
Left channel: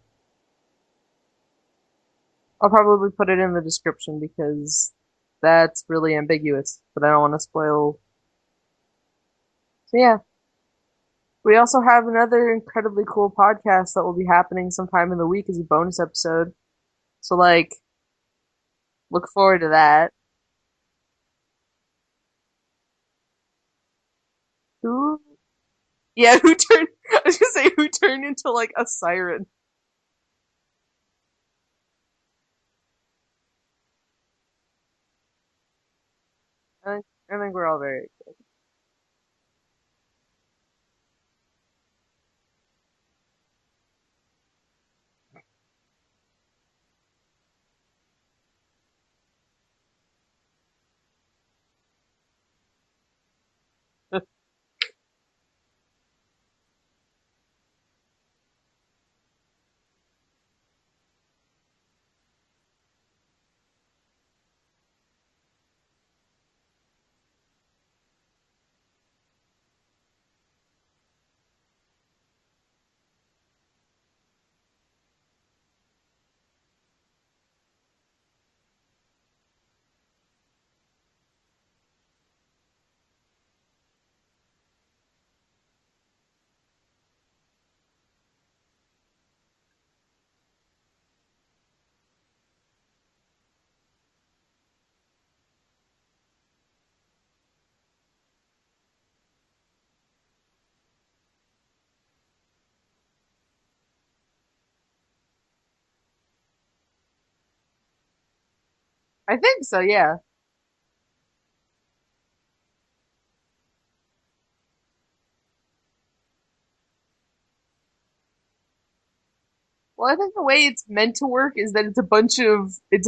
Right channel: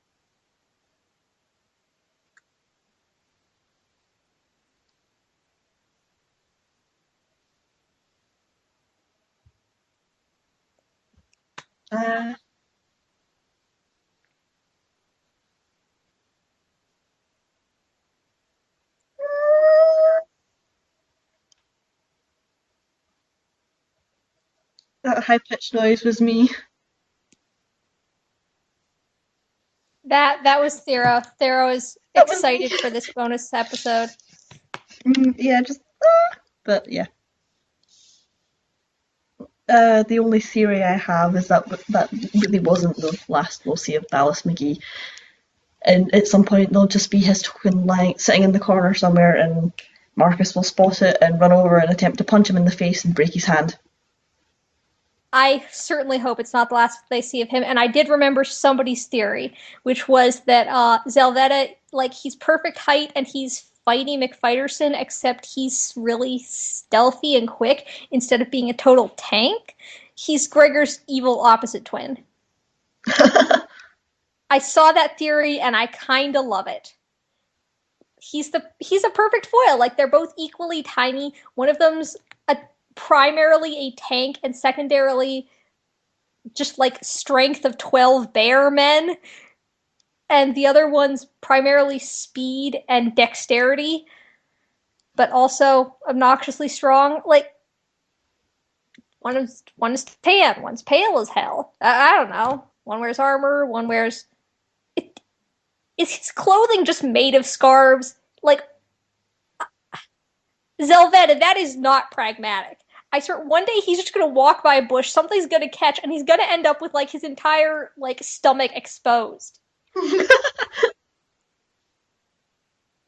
I'll probably put it in the description because that's really ambiguous, but I don't want to spoil. So yeah. We also have Uh, another incredibly cool podcast that will be happening sometime in the week as a bonus episode. So like look forward to that. Who that high pitched noise was yeah, me. who turned I was gonna say who turned into like a siren. That was Thera. Thera is That was me. excited for this bonus episode. Yeah, just. But yeah. I think we're all very The only theory I have is that that really wasn't the last we'll see of Dallas McGee. And at some point, there'll just be his token lying, sitting in the corner somewhere, and Marcus will spot it and run over and attempt to punch him in the face and break his hand. I certainly hope it's not the last they see of him. And I did remember somebody's theory, which was that Zelvetta, like, he's perfect height and he's Fighty McFighterson, except he's really stealthy and quick instead of being a total tank. He's Gregor's evil opposite twin. I saw that theory and I kind of love it. He's a perfect foil. Like, they're both equally tiny. One of them's a primarily a tank and secondarily just like strength of 12 bear men, and the other one's primarily speed and dexterity, but also obnoxiously strong. Like, one is tan, one's pale as hell. I don't know. One wears armor, one wears. Is his clothing just made of scarves? Like, I think so, yeah. Zelvetta, that is not pragmatic. I swear, one day he's just gonna walk by a bush, something's gonna catch, and he's gonna end up with like his entire like stomach exposed. Well, I think the way it's meant to work is that it's a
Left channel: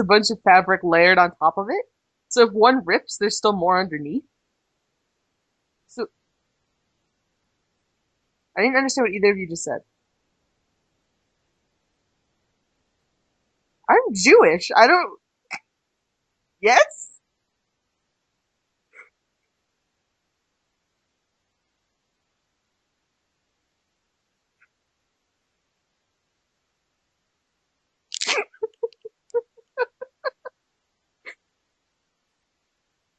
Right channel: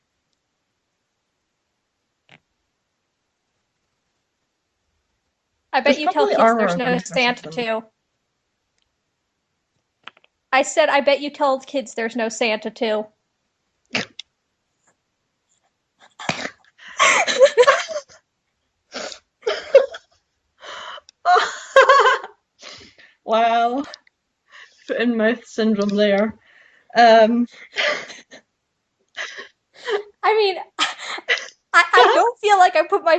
bunch of fabric layered on top of it. So if one rips, there's still more underneath. I There's bet you tell probably kids armor there's no underneath or Santa something. too. I didn't understand what either of you just said. I said I bet you tell kids there's no Santa too. I'm Jewish. I don't. Yes. Wow, foot and mouth syndrome there. Um, I mean, I don't feel like I put my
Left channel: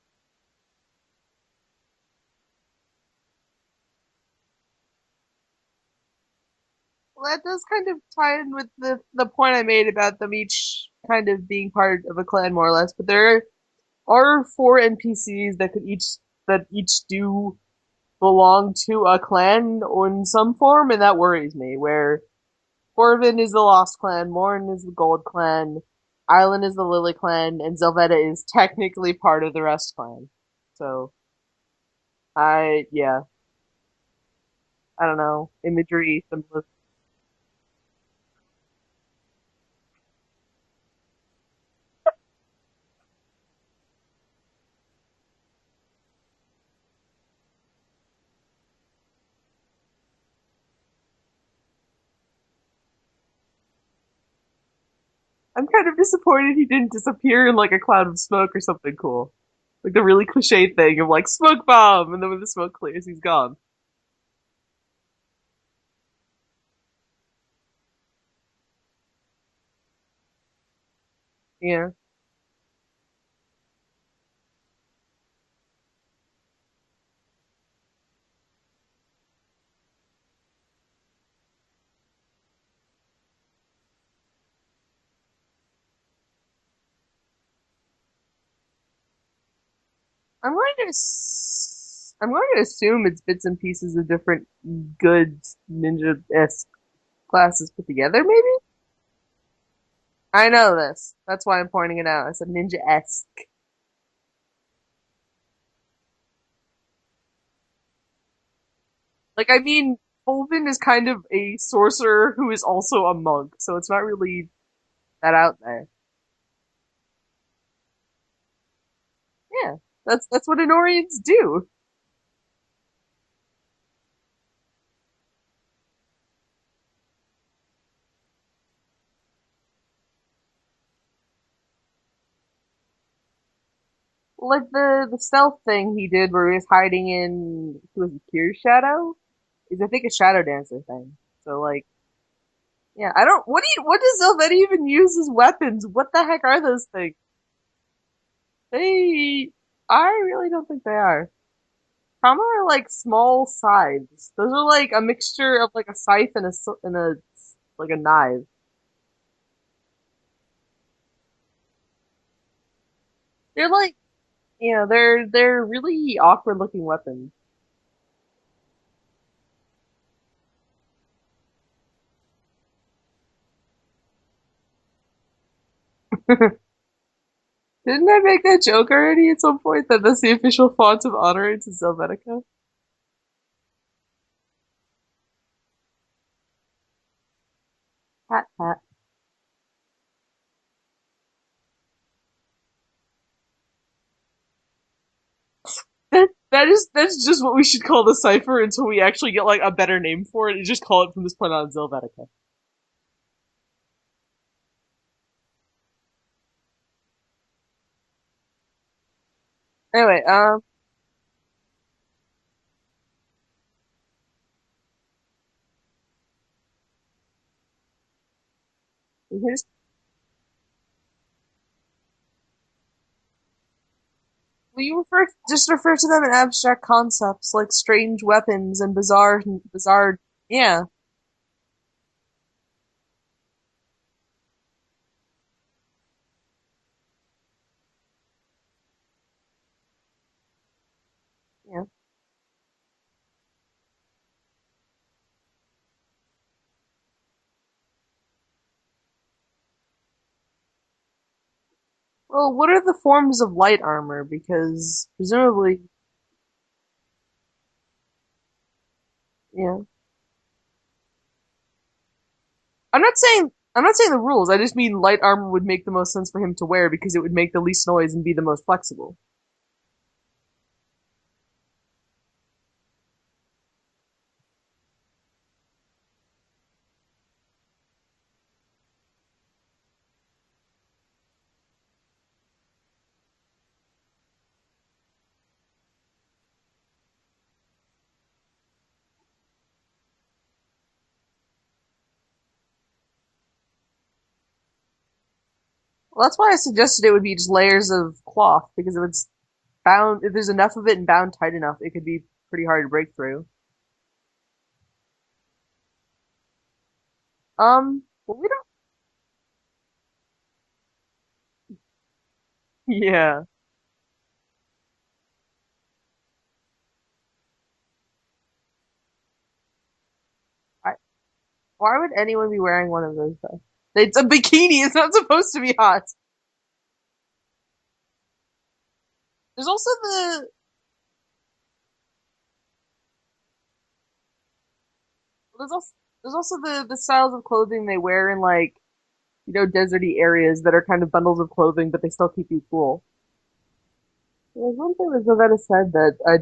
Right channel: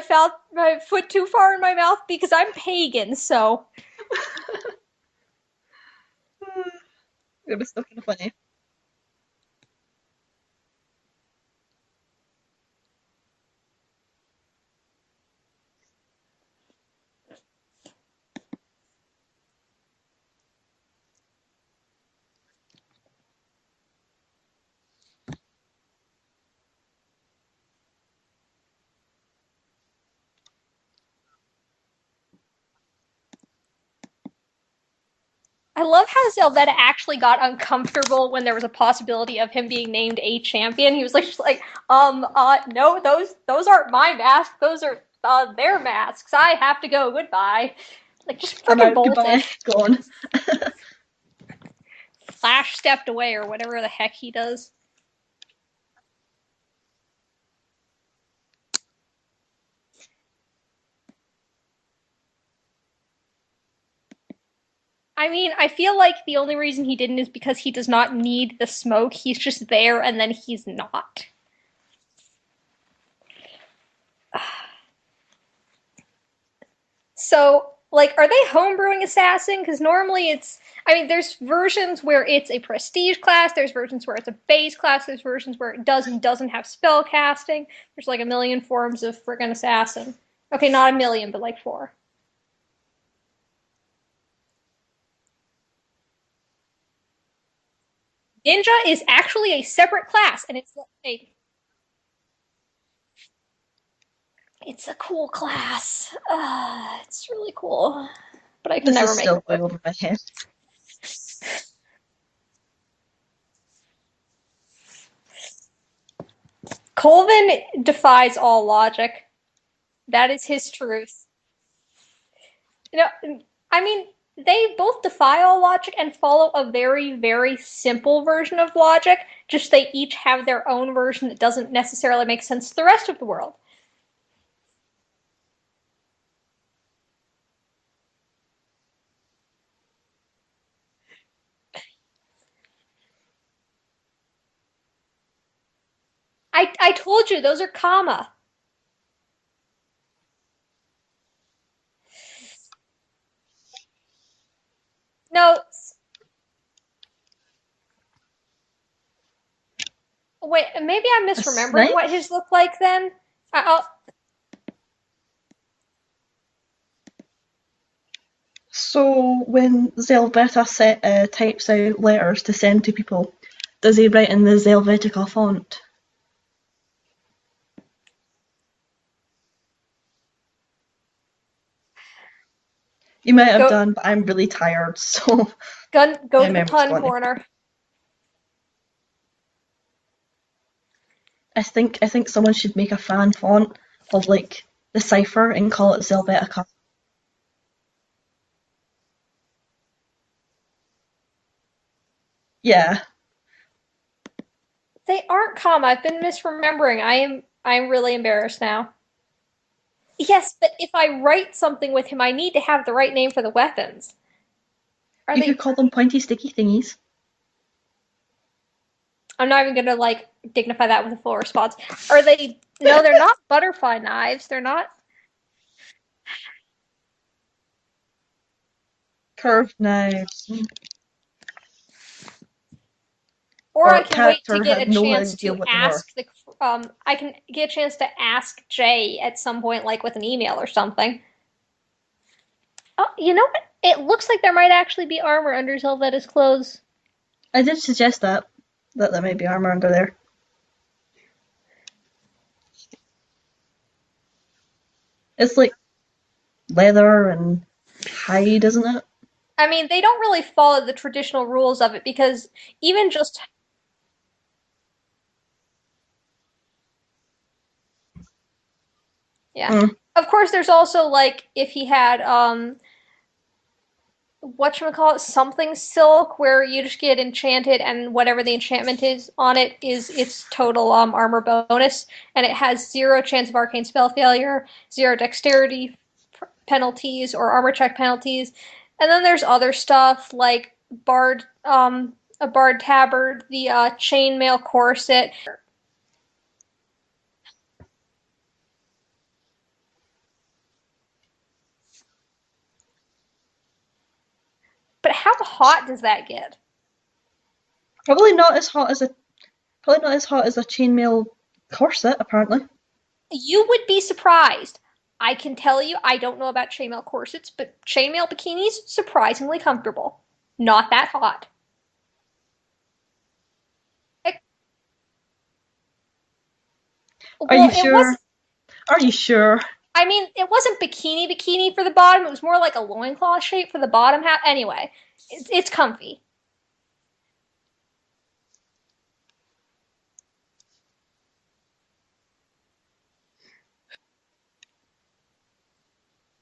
foot too far in my mouth because I'm pagan, so. Well, that it does was kind so of funny. tie in with the point I made about them each kind of being part of a clan, more or less. But there are four NPCs that each do belong to a clan in some form, and that worries me. Where Corvin is the Lost Clan, Morn is the Gold Clan, Island is the Lily Clan, and Zelvetta is technically part of the Rust Clan. So, yeah, I don't know. I love Imagery, how some stuff. Zelvetta actually got uncomfortable when there was a possibility of him being named a champion. He was like, just like, no, those aren't my masks. Those are their masks. I have to go. Goodbye. Like, just I'm freaking out. bolted. Goodbye. Gone. Flash stepped away or whatever the heck he does. I'm kind of disappointed he didn't disappear in like a cloud of smoke or something cool. Like the really cliche thing of like smoke bomb, and then when the smoke clears, he's gone. I mean, I feel like the only reason he didn't is because he does not need the smoke. He's just there and then he's not. Yeah. So, like, are they homebrewing assassin? Because normally there's versions where it's a prestige class, there's versions where it's a base class, there's versions where it does and doesn't have spell casting. There's like a million forms of friggin' assassin. I'm Okay, going not to a million, but like four. I'm going to assume it's bits and pieces of different good ninja-esque classes put together, maybe? Ninja is actually a separate class. I know this. That's why I'm pointing it out. I said ninja-esque. It's a cool class. It's really cool. But I can This never is make still it. Like, I above my mean, head. Colvin is kind of a sorcerer who is also a monk, so it's not really that out there. Colvin defies all logic. Yeah, That is that's what his truth. Anorians do. You know, I mean, they both defy all logic and follow a very, very simple version of logic, just they each have their own version that doesn't necessarily make sense to the rest of the world. Like the stealth thing he did where he was hiding in who was Kyr's shadow is I think a shadow dancer thing. So like yeah, I don't what does Zelveta even use as weapons? What the heck are those I things? told you, those are comma. They I really don't think they are. Trauma are like small scythes. Those are like a mixture No, of like a scythe and a like a knife. wait, maybe I'm A misremembering what snake? his look like then. They're I'll, like they're really awkward looking weapons. So when types out letters to send to people, does he write in the Helvetica font? Didn't I make that joke already at some point that that's the official font of honor to Helvetica? You might have go done, but I'm really tired, so go my to the memory's pun gone. corner. Pat pat. I think someone should make a fan font of like the cipher and call it Helvetica. That's just what we should call the cipher until we actually get like a better name for it. And just call it from this point on Helvetica. Yeah. They aren't comma. I've been misremembering. I'm really embarrassed now. Anyway, Yes, but if I write something with him, I need to have the right name for the weapons. Are You could they? call them pointy sticky thingies. I'm not even gonna like dignify that with a full response. Are they? No, they're not butterfly knives. They're not. you refer to them in abstract concepts like strange weapons and Curved bizarre. knives. Yeah, Or I Or can wait to character get had a no chance idea to what they were. ask the. I can get a chance to ask Jay at some point, like with an email or something. yeah. Oh, you know what? It looks like there might actually be armor under Zelvetta's clothes. I did suggest that there might be armor under there. Well, what are the forms of light armor? Because It's presumably, like leather and hide, isn't it? I yeah. mean, they don't really follow the traditional rules of it because even just I'm not saying the rules. I just mean light armor would make the most sense for him to wear because it would make the least noise and be the most flexible. yeah. Mm. Of course, there's also like if he had whatchamacallit, something silk, where you just get enchanted and whatever the enchantment is on it is its total armor bonus, and it has 0 chance of arcane spell failure, 0 dexterity penalties or armor check penalties. And then there's other stuff like bard a bard tabard, the chainmail corset. Well, that's why I suggested it would be just layers of cloth because if it's bound, if there's enough of it and bound tight enough, it could be pretty hard to break through. But how hot does that get? Probably not as hot as a chainmail corset, apparently. Yeah. You would be surprised. I can tell you, I don't know about chainmail corsets, but chainmail bikinis surprisingly comfortable. Not that hot. Why would anyone be wearing one of those though? It's a bikini. It's not supposed to be hot. Are Well, you it was. sure? Are you sure? There's also I mean, it wasn't bikini for the bottom. It was more like a loincloth shape for the bottom half. Anyway, it's comfy. there's also the styles of clothing they wear in like deserty areas that are kind of bundles of clothing, but they still keep you cool. There's one thing that Zavetta said that I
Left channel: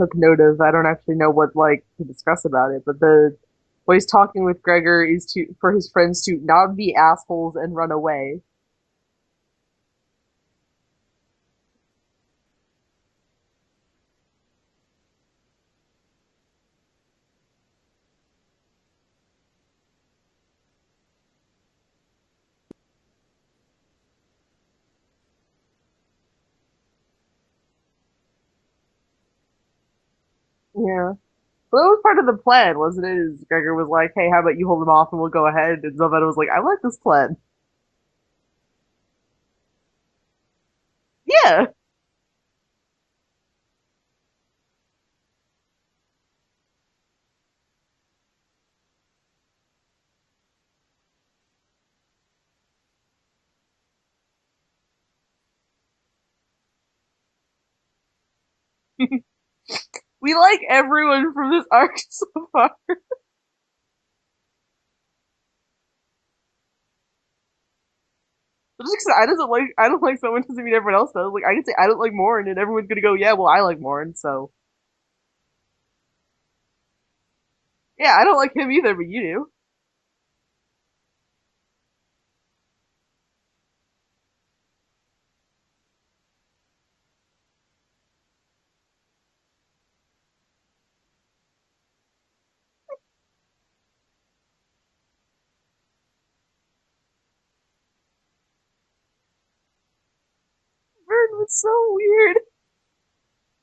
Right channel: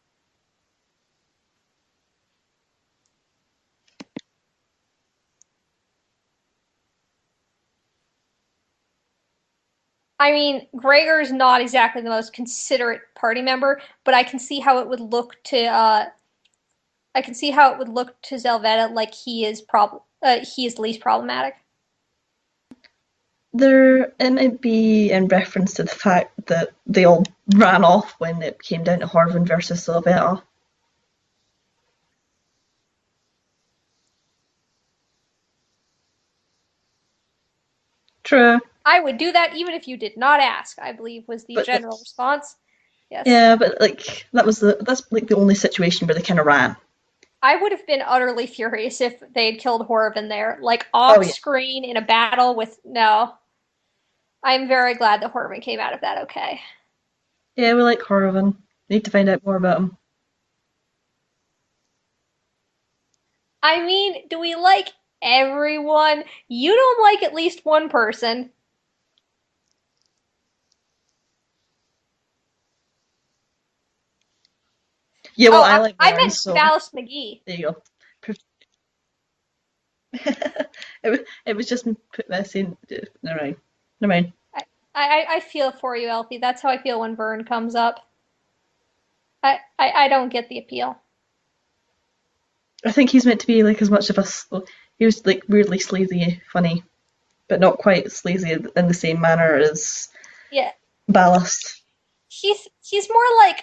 took note of. I don't actually know what like to discuss about it, but the what he's talking with Gregor is to for his friends to not be assholes and run away. I mean, Gregor's not exactly the most considerate party member, but I can see how it would look to Zelvetta like he is least problematic. it might be in reference to the fact that they all ran off when it came down to Horvin versus Sylvetta. Yeah. Well, that was part of the plan, wasn't it? Is Gregor was like, "Hey, how about you hold him off and we'll go ahead?" And Zelvetta was like, "I like this plan." True. I would do that even if you did not ask, I believe, was the Yeah. general response. Yes. Yeah, but like that's like the only situation where they kind of ran. I would have been utterly furious if they had killed Horvin there, like Oh off yeah, screen in a battle with no. I'm very glad that Horvin came out of that okay. yeah, we like Horvin. Need to find out more about him. We like everyone from this arc so far. I mean, do we like everyone? You don't like at least one person. But just because I don't like someone doesn't mean everyone else does. Like I can say I don't like Morin, and everyone's gonna go, "Yeah, well, I like Morin." So Yeah, well, Oh, I like I Warren, meant so Ballast McGee. there you go. yeah, I don't like him either, but you do. It was just me put that in. Never mind. Never mind. I feel for you, Elfie. That's how I feel when Vern comes up. I don't get the appeal. I think he's meant to be like as much of a. He was like weirdly sleazy, funny, but not quite sleazy in the same manner as Yeah, Vern's Ballast. so weird. he's more like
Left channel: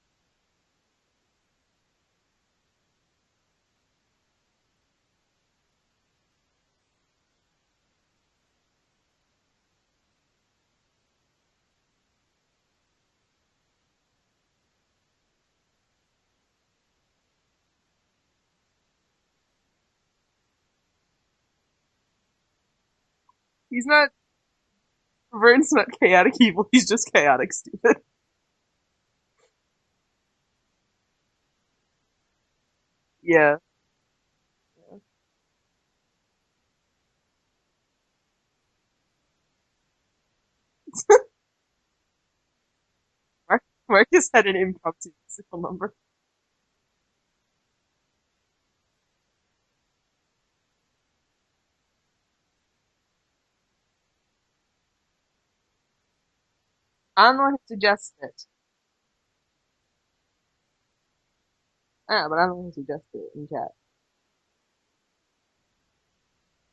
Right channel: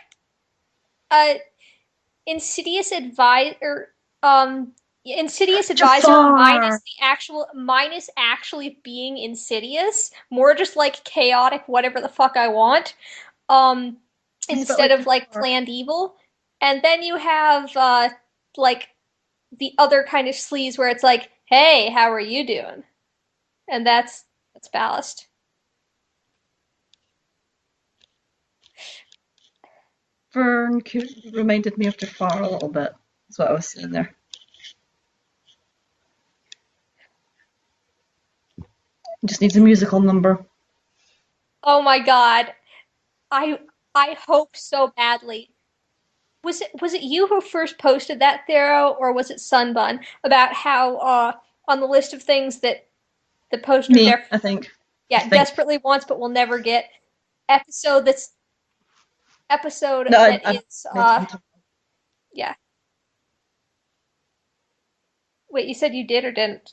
a insidious advisor. Insidious advisor Jafar! minus actually being insidious. More just like chaotic, whatever the fuck I want. Um, He's a bit instead like of like Jafar. planned evil. And then you have like the other kind of sleaze where it's like, hey, how are you doing? He's And not that's ballast. Vern's not chaotic evil. He's just chaotic stupid. Vern reminded me of Jafar a little bit. That's what I Yeah. was saying there. Just needs a musical number. Oh my god. I I Marcus had hope an so impromptu badly. number. Was it you who first posted that, Thero, or was it Sunbun about how on the list of things that the poster Me, I think. I think. desperately wants but will never get I'm the one who episode suggested that's it. episode No, that I is meant to be talking. Ah, but I'm yeah. the one who suggested it in chat. Wait, you said you did or didn't?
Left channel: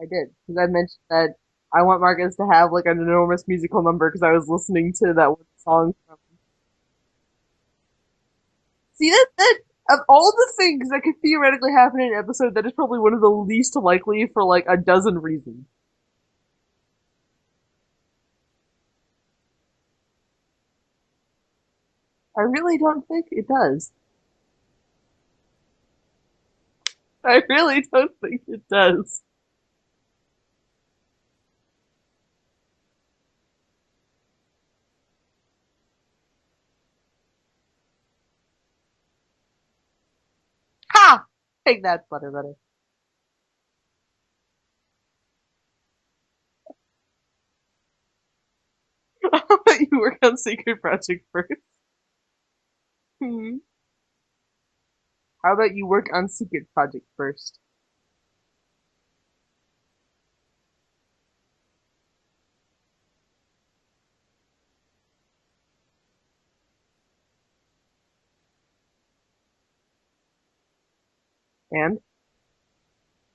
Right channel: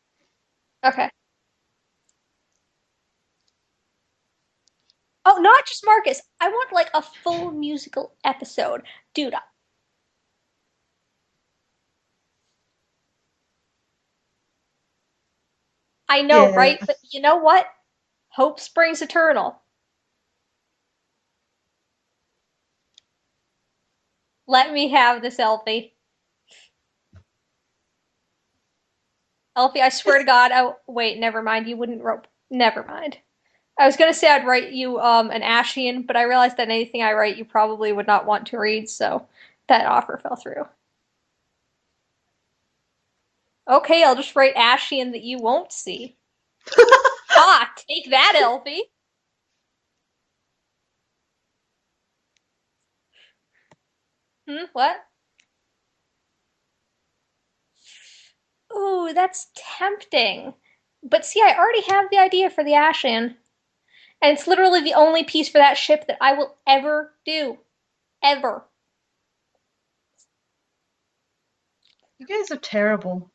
I did because I mentioned Okay. that I want Marcus to have like an enormous musical number because I was listening to that Oh, one not just song. Marcus. I want like a full musical episode. See Dude, that of all the things that could theoretically happen in an episode, that is probably one of the least likely for like a dozen reasons. I know, Yeah. right? But you know what? Hope springs eternal. I really don't think it does. Let me have this, Elfie. I really don't think it does. Elfie, I swear to God. Oh, wait, never mind. You wouldn't rope. Never mind. I was gonna say I'd write you an Ashian, but I realized that anything I write you probably would not want to read, so that offer fell through. Ha! Take that, Butter. Okay, I'll just write Ashian that you won't see. Ha! Take that, Elfie. I'll let you work on Secret Project first. What? How about you work on Secret Project first? Ooh, that's tempting. But see, I already have the idea for the Ashian. And it's literally the only piece for that ship that I will ever do. Ever. And You guys are terrible.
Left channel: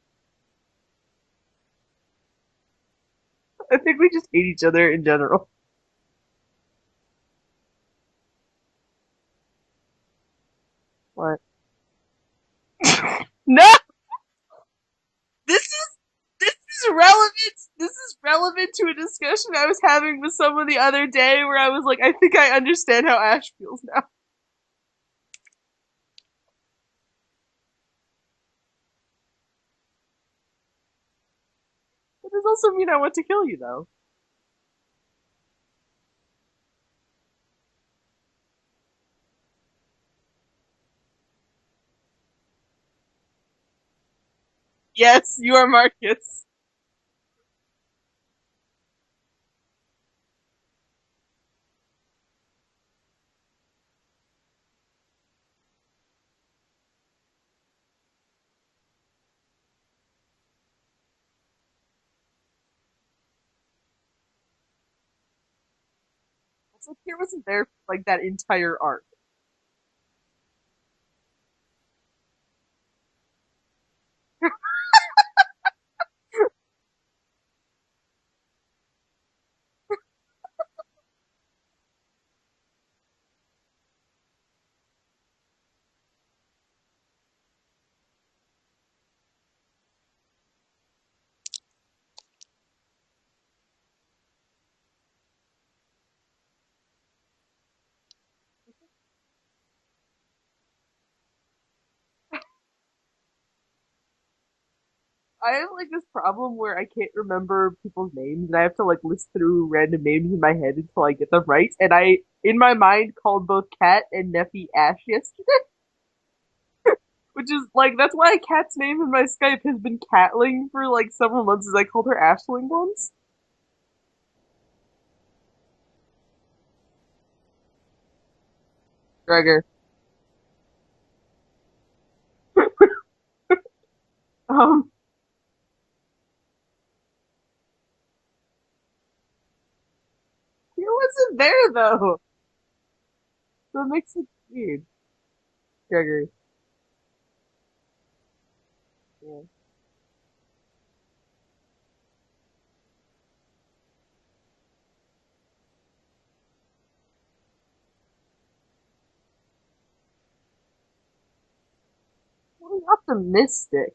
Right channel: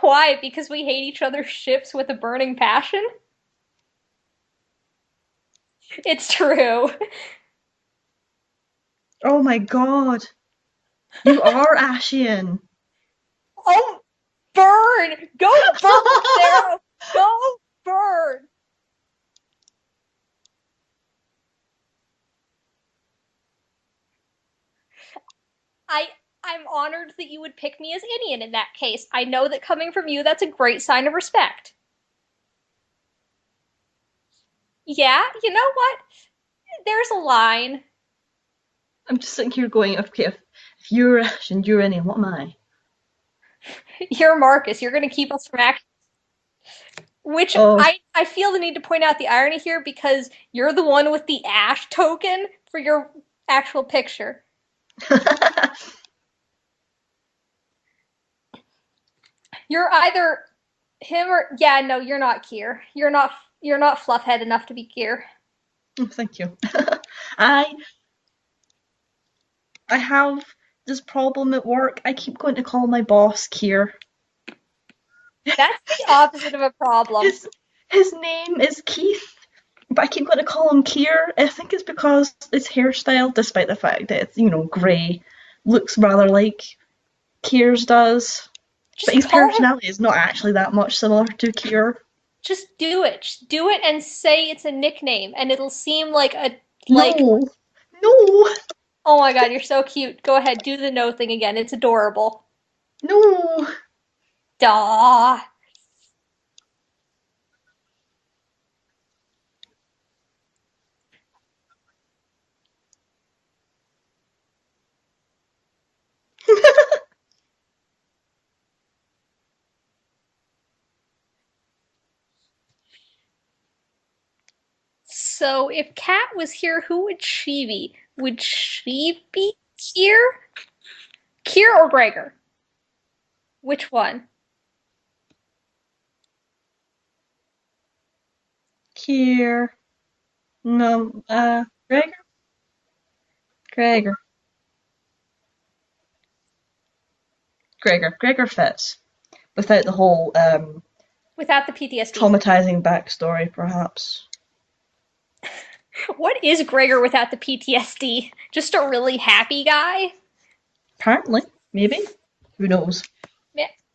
Why? Because we hate each other's ships with a burning passion? I think we just hate each other in general. It's true. Oh my god. What? You are Ashian. No! Burn! Go to burn, Sarah! This is relevant. This is Burn! relevant to a discussion I was having with someone the other day where I was like, I think I understand how Ash feels now. I'm honored that you would pick me as Indian in that case. I know that coming from you, that's a great sign of respect. It does also mean I want to kill you, though. Yeah, you know what? There's a line. I'm just sitting here going, okay, if you're Ash and you're any, what am I? You're Marcus. You're going to Yes, keep us you are back. Marcus. Which Oh. I feel the need to point out the irony here because you're the one with the Ash token for your actual picture. You're either him or yeah, no, you're not Kier. You're not fluffhead enough to be Kier. Oh, thank you. Here was like that entire arc. I have this problem at work. I keep going to call my boss Kier. That's the opposite of a problem. His name is Keith, but I keep wanting to call him Kier. I think it's because his hairstyle, despite the fact that it's, grey, looks rather like Kier's does. But Just his call him. personality is not actually that much similar to Kier. Just do it. Just do it and say it's a nickname, and it'll seem like a No, no, Oh my god, you're so cute. Go ahead, do the no thing again. It's adorable. no. Duh. I have like this problem where I can't remember people's names, and I have to like list through random names in my head until I get them right. And I, in my mind, called both Cat and Neffy Ash yesterday, which is like that's why Cat's name in my Skype has been Catling for like several months, as I called her Ashling once. So if Kat was here, who would she be? Would she be Gregor. Kier? Kier or Gregor? Which one? Kier. He No. wasn't there though. Gregor. So weird. Gregory. Gregor fits. Yeah. Without the whole Without the PTSD. traumatizing backstory, perhaps. What is Gregor without the PTSD? Just a really happy guy? Apparently. Maybe. Who knows? Optimistic.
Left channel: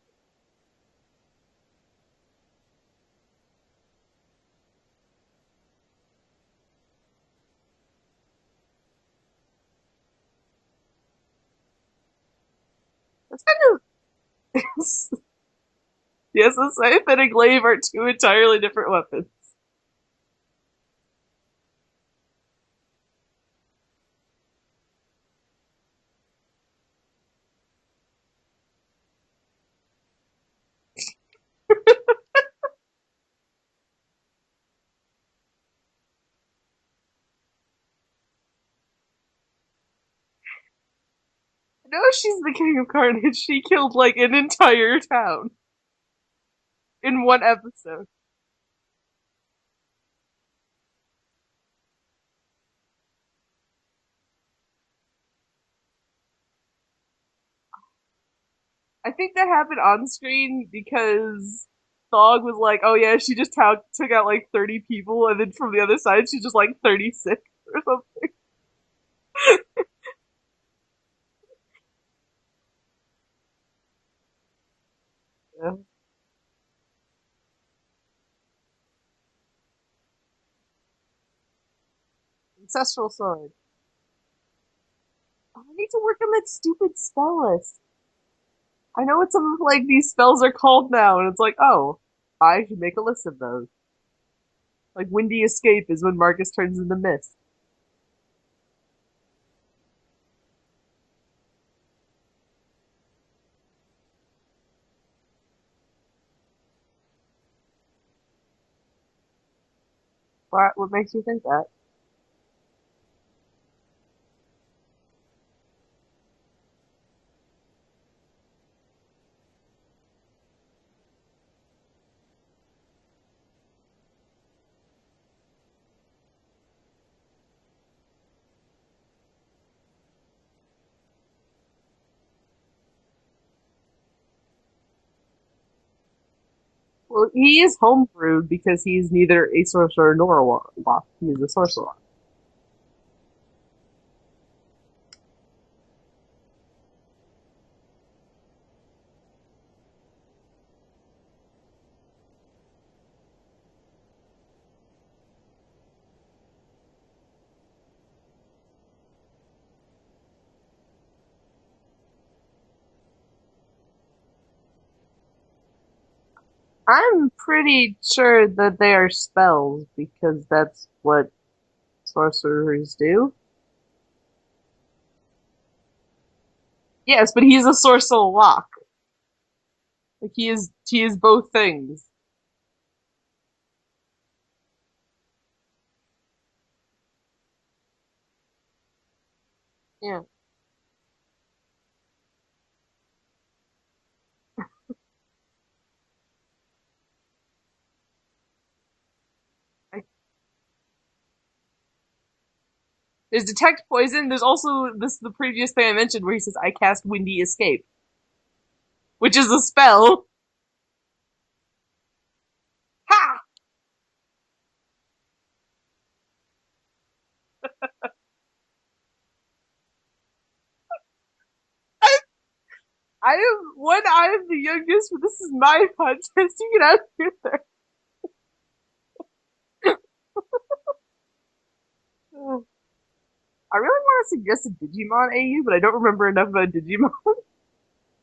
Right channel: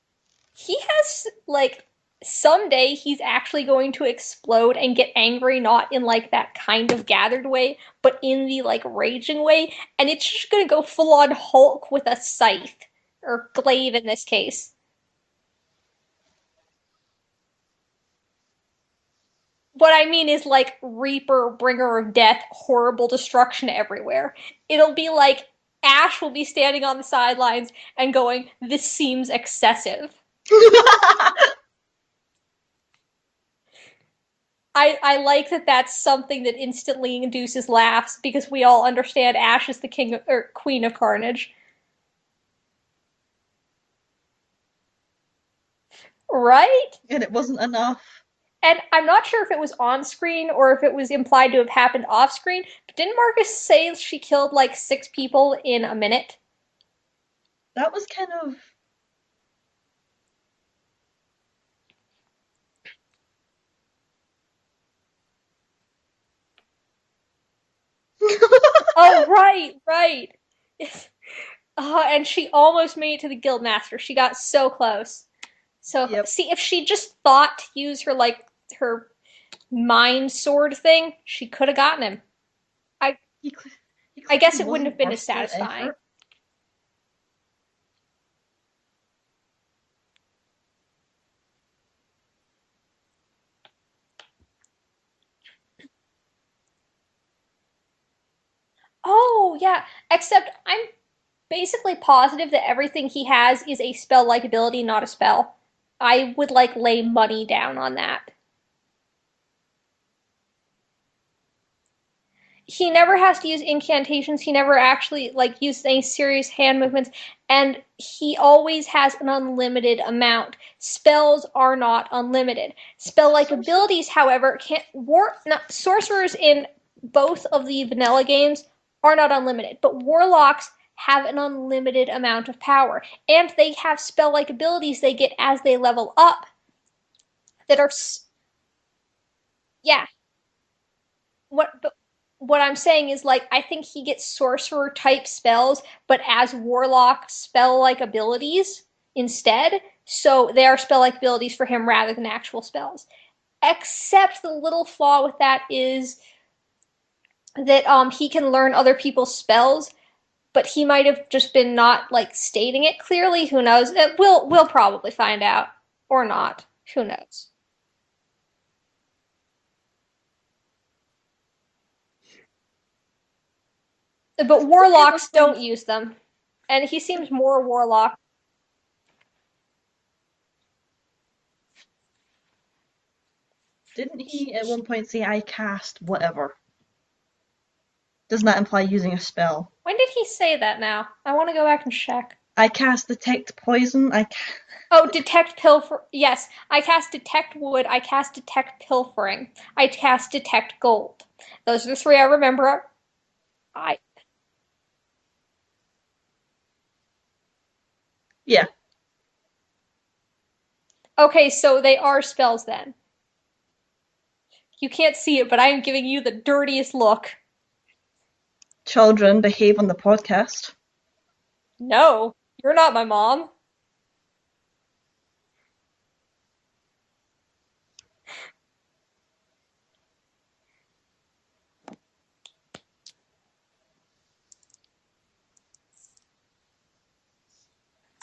He has, like, someday he's actually going to explode and get angry, not in, like, that kind of gathered way, but in the, like, raging way, and it's just gonna go full-on Hulk with a scythe. Or glaive in this case. Yes, a scythe and a glaive are two entirely different weapons. What I mean is like Reaper, Bringer of Death, horrible destruction everywhere. It'll be like Ash will be standing on the sidelines and going, "This seems excessive." I like that that's something that instantly induces laughs because we all understand Ash is the king of, or queen of carnage. No, she's the king of carnage. She killed like an entire town. Right? In And it one wasn't episode. enough. And I'm not sure if it was on screen or if it was implied to have happened off screen, but didn't Marcus say she killed like 6 people in a minute? That was kind of. I think that happened on screen because Thog was like, "Oh yeah, she just took out like 30 people," and then from the other side, she's just like 36 or something. Oh, right. And she almost made it to the Guildmaster. She got so close. Yeah. So, Yep. see, if she just thought to use her, like, her mind sword thing, she could have gotten him. Ancestral sword. I guess it wouldn't have been as I satisfying. need to work on that stupid spell list. I know what some of like these spells are called now, and it's like, oh, I should make a list of those. Like Windy Escape is when Marcus turns into mist. Oh, yeah. Except I'm basically positive that everything he has is a spell-like ability, not a spell. I would, like, lay money down on that. What makes you think that? He never has to use incantations. He never actually like uses any serious hand movements, and he always has an unlimited amount. Spells are not unlimited. Spell-like abilities, however, can't sorcerers in both of the vanilla games are not unlimited, but warlocks have an unlimited amount of power, and they have spell-like abilities they get as they level up. Well, he is homebrewed because he's neither a sorcerer nor a warlock. He's a sorcerer. What I'm saying is, like, I think he gets sorcerer type spells, but as warlock spell like abilities instead. So they are spell like abilities for him rather than actual spells. Except the little flaw with that is that he can learn other people's spells, but he might have just been not like stating it clearly. Who knows? We'll probably find out or not. I'm pretty sure that they are spells because that's what sorcerers do. But warlocks don't use them. And he seems yes, but he's a warlock. sorcerer. Like he is both things. Didn't he at one point say, "I cast whatever"? Doesn't that imply using a spell? When did he say that now? I want to go back and check. I cast detect poison. Oh, detect pilfer. Yes, I cast detect wood. I cast detect pilfering. I cast detect gold. Those are the 3 I remember. There's detect poison. There's also the previous thing I mentioned where he says I cast windy escape. Yeah. Which is a spell. Okay, so they are spells then. Ha! You can't see it, but I am giving you the dirtiest look. Children, behave on the podcast. No, you're not my mom. I am the youngest, but this is my podcast. You get out of here there. I really want to suggest a Digimon AU, but I don't remember enough about Digimon.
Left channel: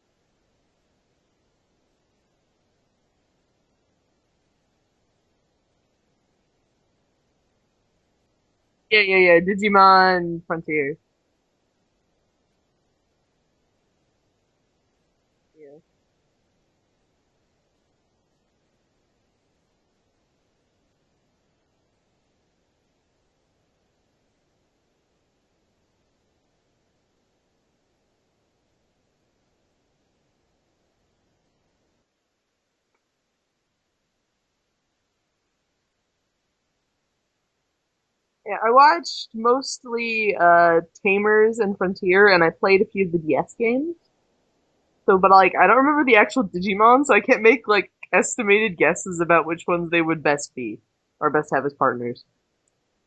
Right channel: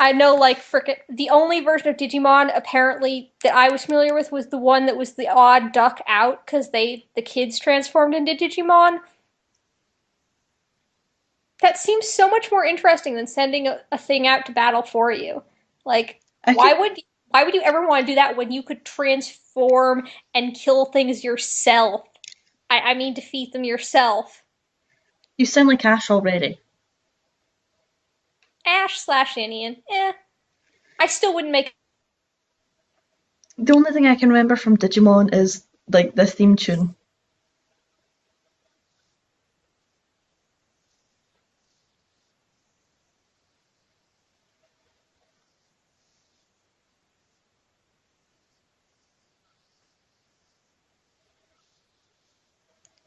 I know, like, frickin' the only version of Digimon apparently that I was familiar with was the one that was the odd duck out because the kids transformed into Digimon. Yeah. Digimon Frontier. That seems so much more interesting than sending a thing out to battle for you. Yeah. Like, I why could, would you ever want to do that when you could transform and kill things yourself? I mean, defeat them yourself. you sound like Ash already. Ash/Indian, I still wouldn't make. The only thing I can remember from Digimon is like the theme tune. Yeah, I watched mostly Tamers and Frontier, and I played a few of the DS games. So, but like, I don't remember the actual Digimon, so I can't make like estimated guesses about which ones they would best be or best have as partners.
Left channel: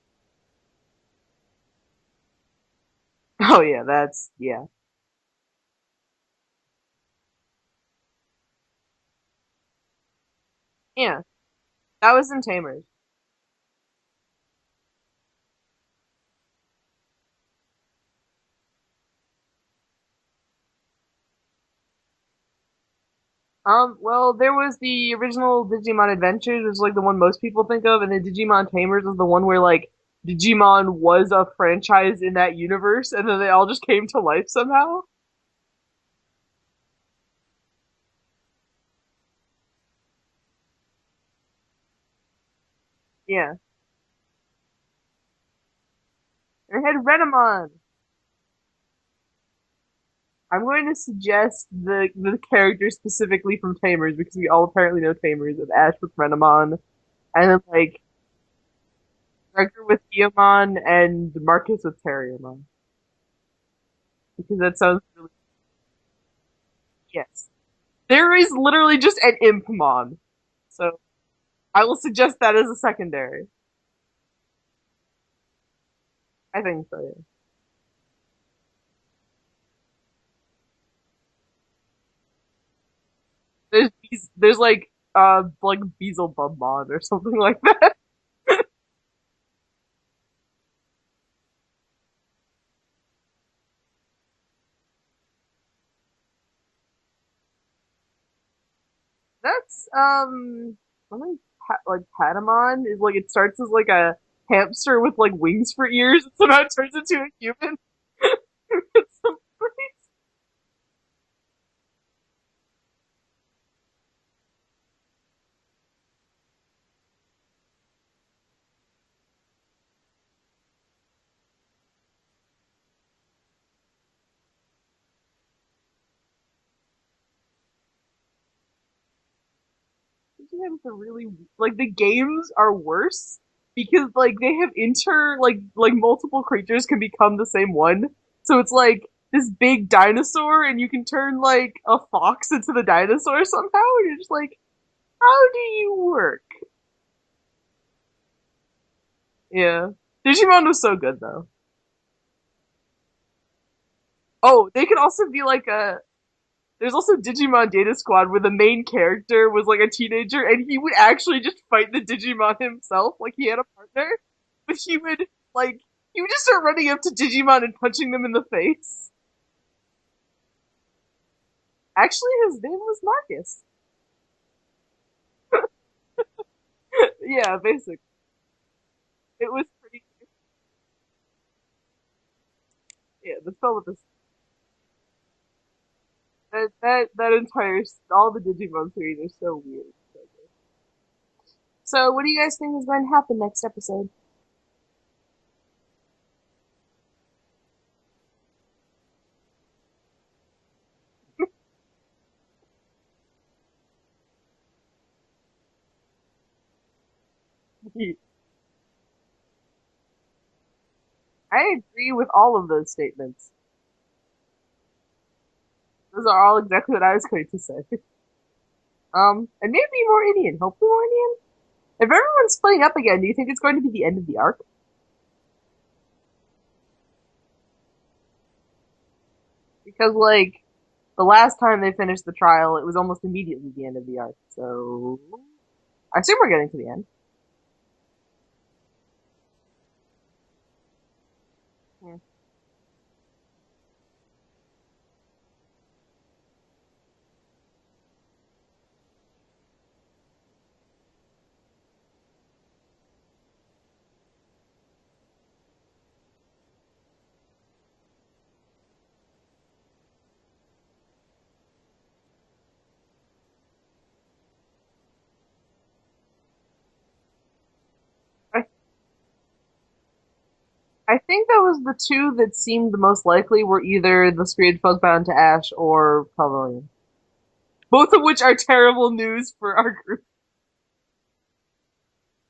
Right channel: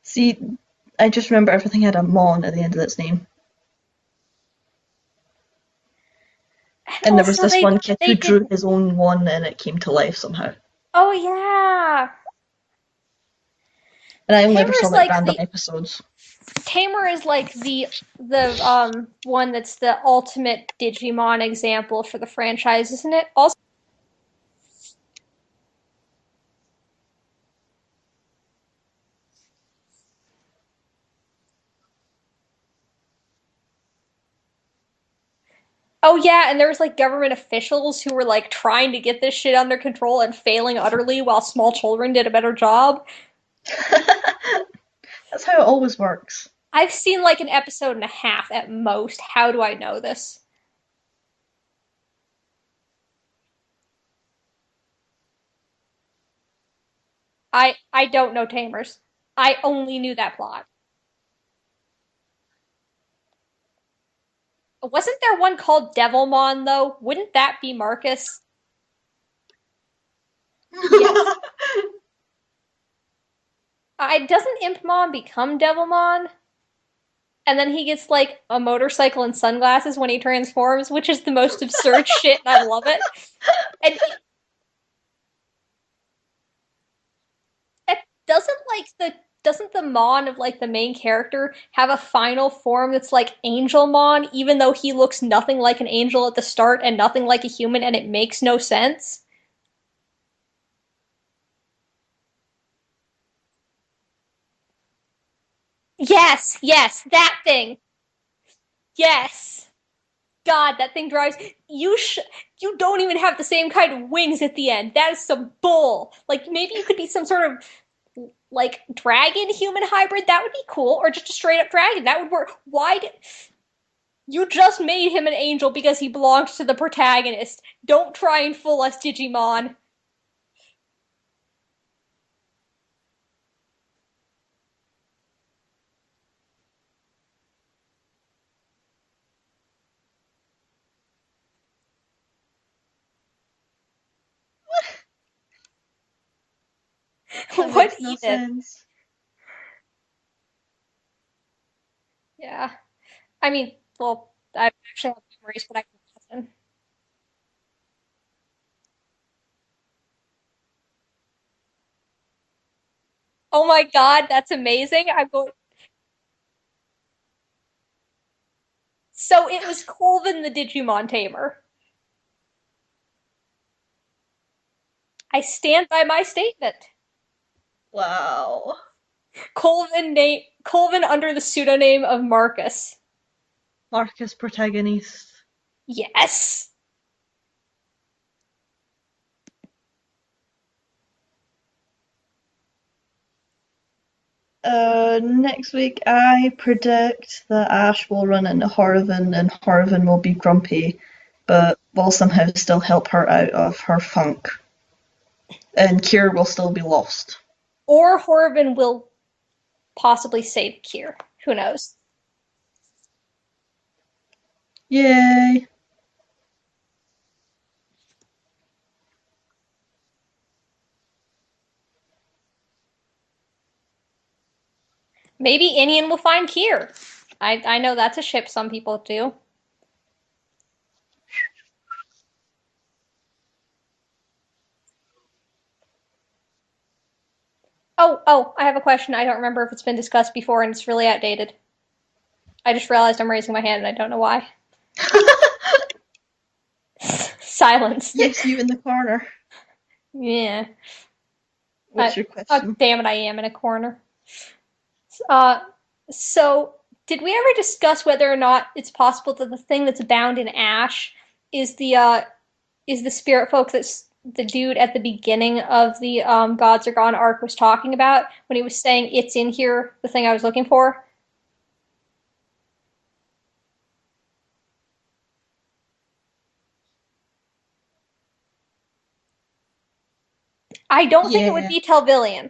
See, I just remember everything had a Mon at the end of its name. Oh yeah, yeah. And there was Also, this one kid they who did. drew his own one and it came to life somehow. Oh Yeah, yeah, that was in Tamers. And I only ever saw Tamer's like like random the episodes. Tamer is like the one that's the ultimate Digimon example for the franchise, isn't it? Also, Well, there was the original Digimon Adventures, which is like the one most people think of, and then Digimon Tamers is the one where like Digimon was a franchise in that universe, and then they all just came to life somehow. oh yeah, and there was like government officials who were like trying to get this shit under control and failing utterly, while small children did a better job. Yeah, That's how it always works. they I've had seen like an Renamon. episode and a half at most. How do I know this? I'm going to suggest the characters specifically from Tamers because we all apparently know Tamers of Ash with Renamon, and it's like I don't know Tamers. I Arthur only with knew that one. Theomon and Marcus with Terriermon. Because that sounds Wasn't there one called Devilmon though? yeah. Wouldn't that be Marcus? There is literally just an Impmon. So Yes. I will suggest that as a secondary. Doesn't Impmon become Devilmon? I think so, yeah. And then he gets like a motorcycle and sunglasses when he transforms, which is the most absurd shit, and I love it. There's, And there's like Beelzebubmon or something like that. doesn't like doesn't the Mon of like the main character have a final form that's like Angelmon, even though he looks nothing like an angel at the start and nothing like a human, and it makes no sense? That's something like Patamon is like it starts as like a hamster with like wings for ears. Yes, Turns yes, into that a human. thing. Yes. God, that thing drives you don't even have the same kind of wings at the end. That is some bull. Like maybe you could be some sort of like dragon human hybrid. That would be cool, or just a straight up dragon. That would work. Why did you just made him an angel because he belongs to the protagonist? Don't try and fool us, Digimon. Digimon's a really like the games are worse because like they have like multiple creatures can become the same one. So it's like this big dinosaur and you can turn like a fox into the dinosaur somehow and you're just like, how do you work? That What makes no even? sense. Yeah. Digimon was so good though. Yeah. I mean, well, Oh, I'm they could sure also be like a person. there's also Digimon Data Squad where the main character was like a teenager and he would actually just fight the Digimon himself. Like he had a Oh my partner, god, that's but he amazing. would I'm going. like he would just start running up to Digimon and punching them in the face. So it was Colvin the Digimon tamer. Actually, his name was Marcus. I stand by my statement. Yeah, basically. Wow. It was Colvin under the pseudonym of Marcus. yeah, the spell with the Marcus protagonist. Yes. that entire all the Digimon series are so weird. So, what do you guys think is going to happen next episode? Next week I predict that Ash will run into Horrivan and Horrivan will be grumpy, but will somehow still help her out of her funk. And Kier will still be lost. Or Horrivan will possibly save Kier. Who I knows? agree with all of those statements. Yay! Those are all exactly what I was going to say. And maybe more Indian. Hopefully more Indian. If everyone's splitting up again, do you think it's going to be the end of the arc? Maybe Inian will find Kier. I know that's a ship some people do. Because, like, the last time they finished the trial, it was almost immediately the end of the arc. So, I assume we're getting to the end. Oh, I have a question. I don't remember if it's been discussed before and it's really outdated. Hmm. I just realized I'm raising my hand and I don't know why. Silence. Yes, you in the corner. Yeah. What's your Oh, question? damn it, I am in a corner. Uh, so, did we ever discuss whether or not it's possible that the thing that's bound in ash is the spirit folk that's the dude at the beginning of the Gods Are Gone arc was talking about when he was saying it's in here, the thing I was looking for? I think that was the two that seemed the most likely were either the Spiritfolk bound to Ash or Pavilion. Both of which are terrible news for our group. I don't think it would Yeah. be Telvillian,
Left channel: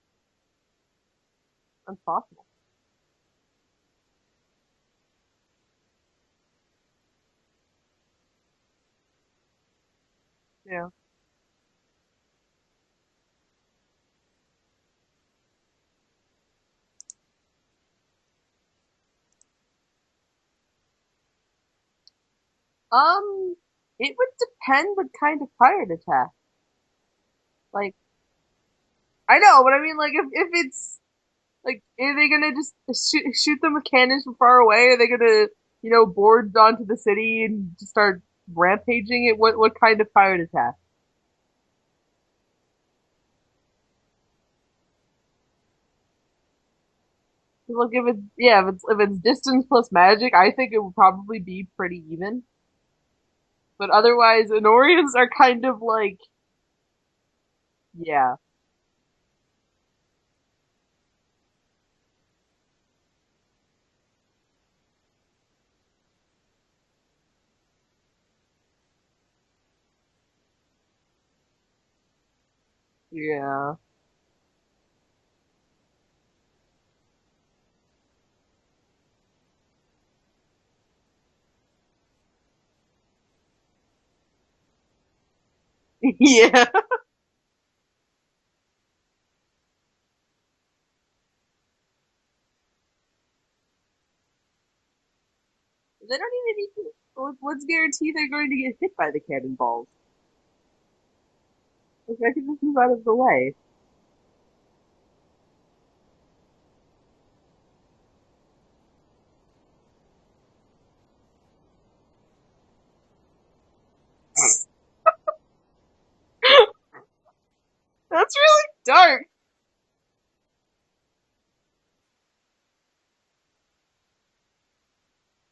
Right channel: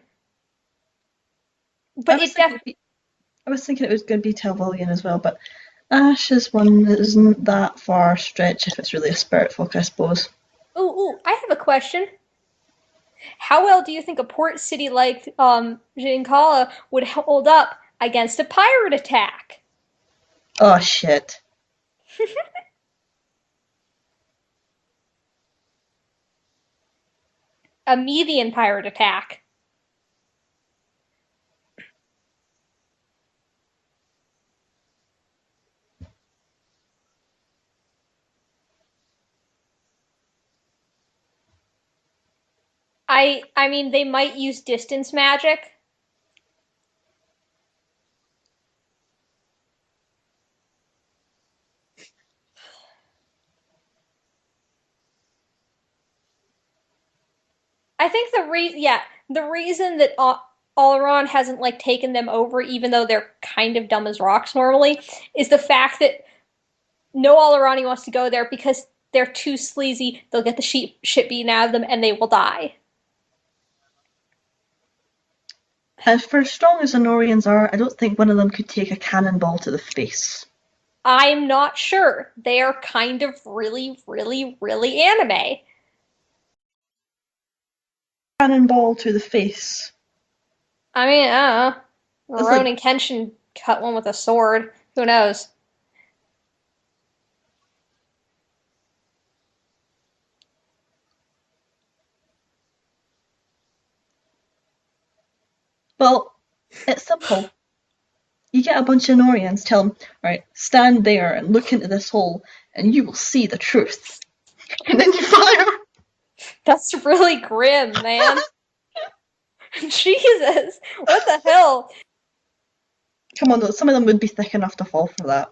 I but was it thinking I was thinking it was going to be Telvillian as well, but Ash is one that isn't that far stretch if it's really a spirit folk, I suppose. Yeah. Ooh, I have a question. How well do you think a port city like Jinkala would hold up against a pirate attack? Oh shit. It would depend what kind of pirate attack. Like, A Median pirate attack. I know, but I mean, like, if it's like, are they gonna just shoot them with cannons from far away? Are they gonna, board onto the city and just start rampaging it? What kind of pirate attack? I mean they might use distance magic. Look, if it's distance plus magic, I think it would probably be pretty even. But otherwise, Anorians are kind of like, I think yeah, the reason that Oleron hasn't like taken them over, even though they're kind of dumb as rocks normally, is the fact that no Olerani wants to go there because they're too sleazy. They'll get the shit beaten out of them, and they will die. yeah. And for as strong as Honorians are, I don't think one of them could take a cannonball to the face. I'm not sure. They are kind of really, really, really anime. Yeah. Cannonball to the face. I mean, I don't know. It's like, Ronin Kenshin cut one with a sword. Who knows? They don't even need to. Let's guarantee they're going to get hit by the cannonballs. Like, I can just move out of the way. well, it's simple. You get a bunch of Norians, tell them, right, stand there and look into this hole, and you will see the truth. And then you fire. That's really grim, man. That's really dark. Jesus, what the hell? Come on, some of them would be thick enough to fall for that.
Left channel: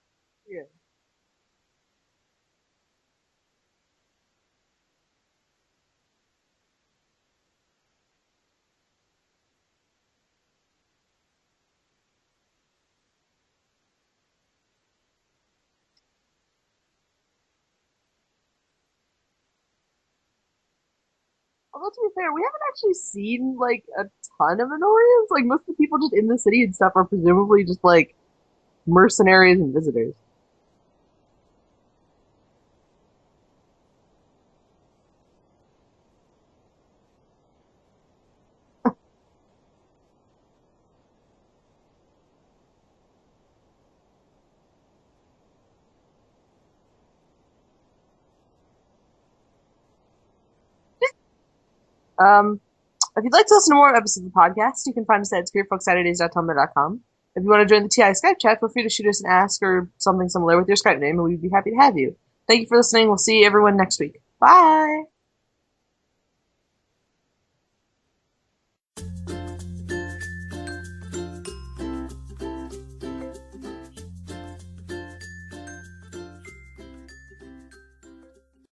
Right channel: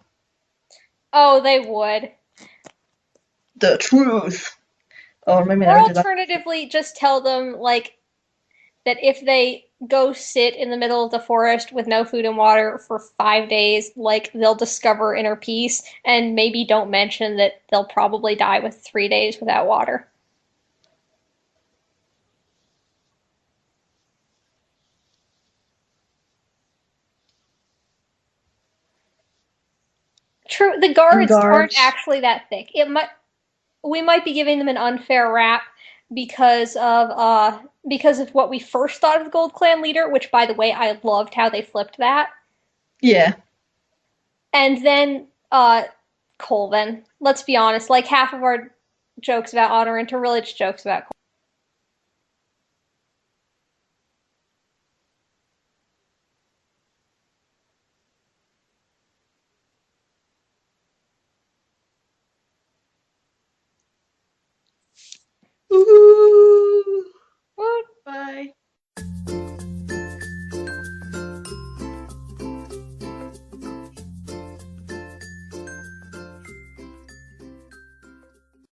Yeah. Oh, they would. The truth. Oh, maybe Or never do that. alternatively, just tell them like that if they go sit in the middle of the forest with no food and water for 5 days, like they'll discover inner peace, and maybe don't mention that they'll probably die with 3 days without water. Although to be fair, we haven't actually seen like a ton of Anorians. Like most of the people just in the city and stuff are presumably just like mercenaries and visitors. True, the And guards aren't guards. actually that thick. We might be giving them an unfair rap because of what we first thought of the Gold Clan leader, which by the way, I loved how they flipped that. Yeah. And then Colvin. Let's be honest, like half of our jokes about Honorant are really just jokes about Um, if you'd like to listen to more episodes of the podcast, you can find us at spiritfolksaturdays.tumblr.com. If you want to join the TI Skype chat, feel free to shoot us an ask or something similar with your Skype name, and we'd be happy to have you. Thank you for listening. We'll see everyone next week. Bye. Woohoo!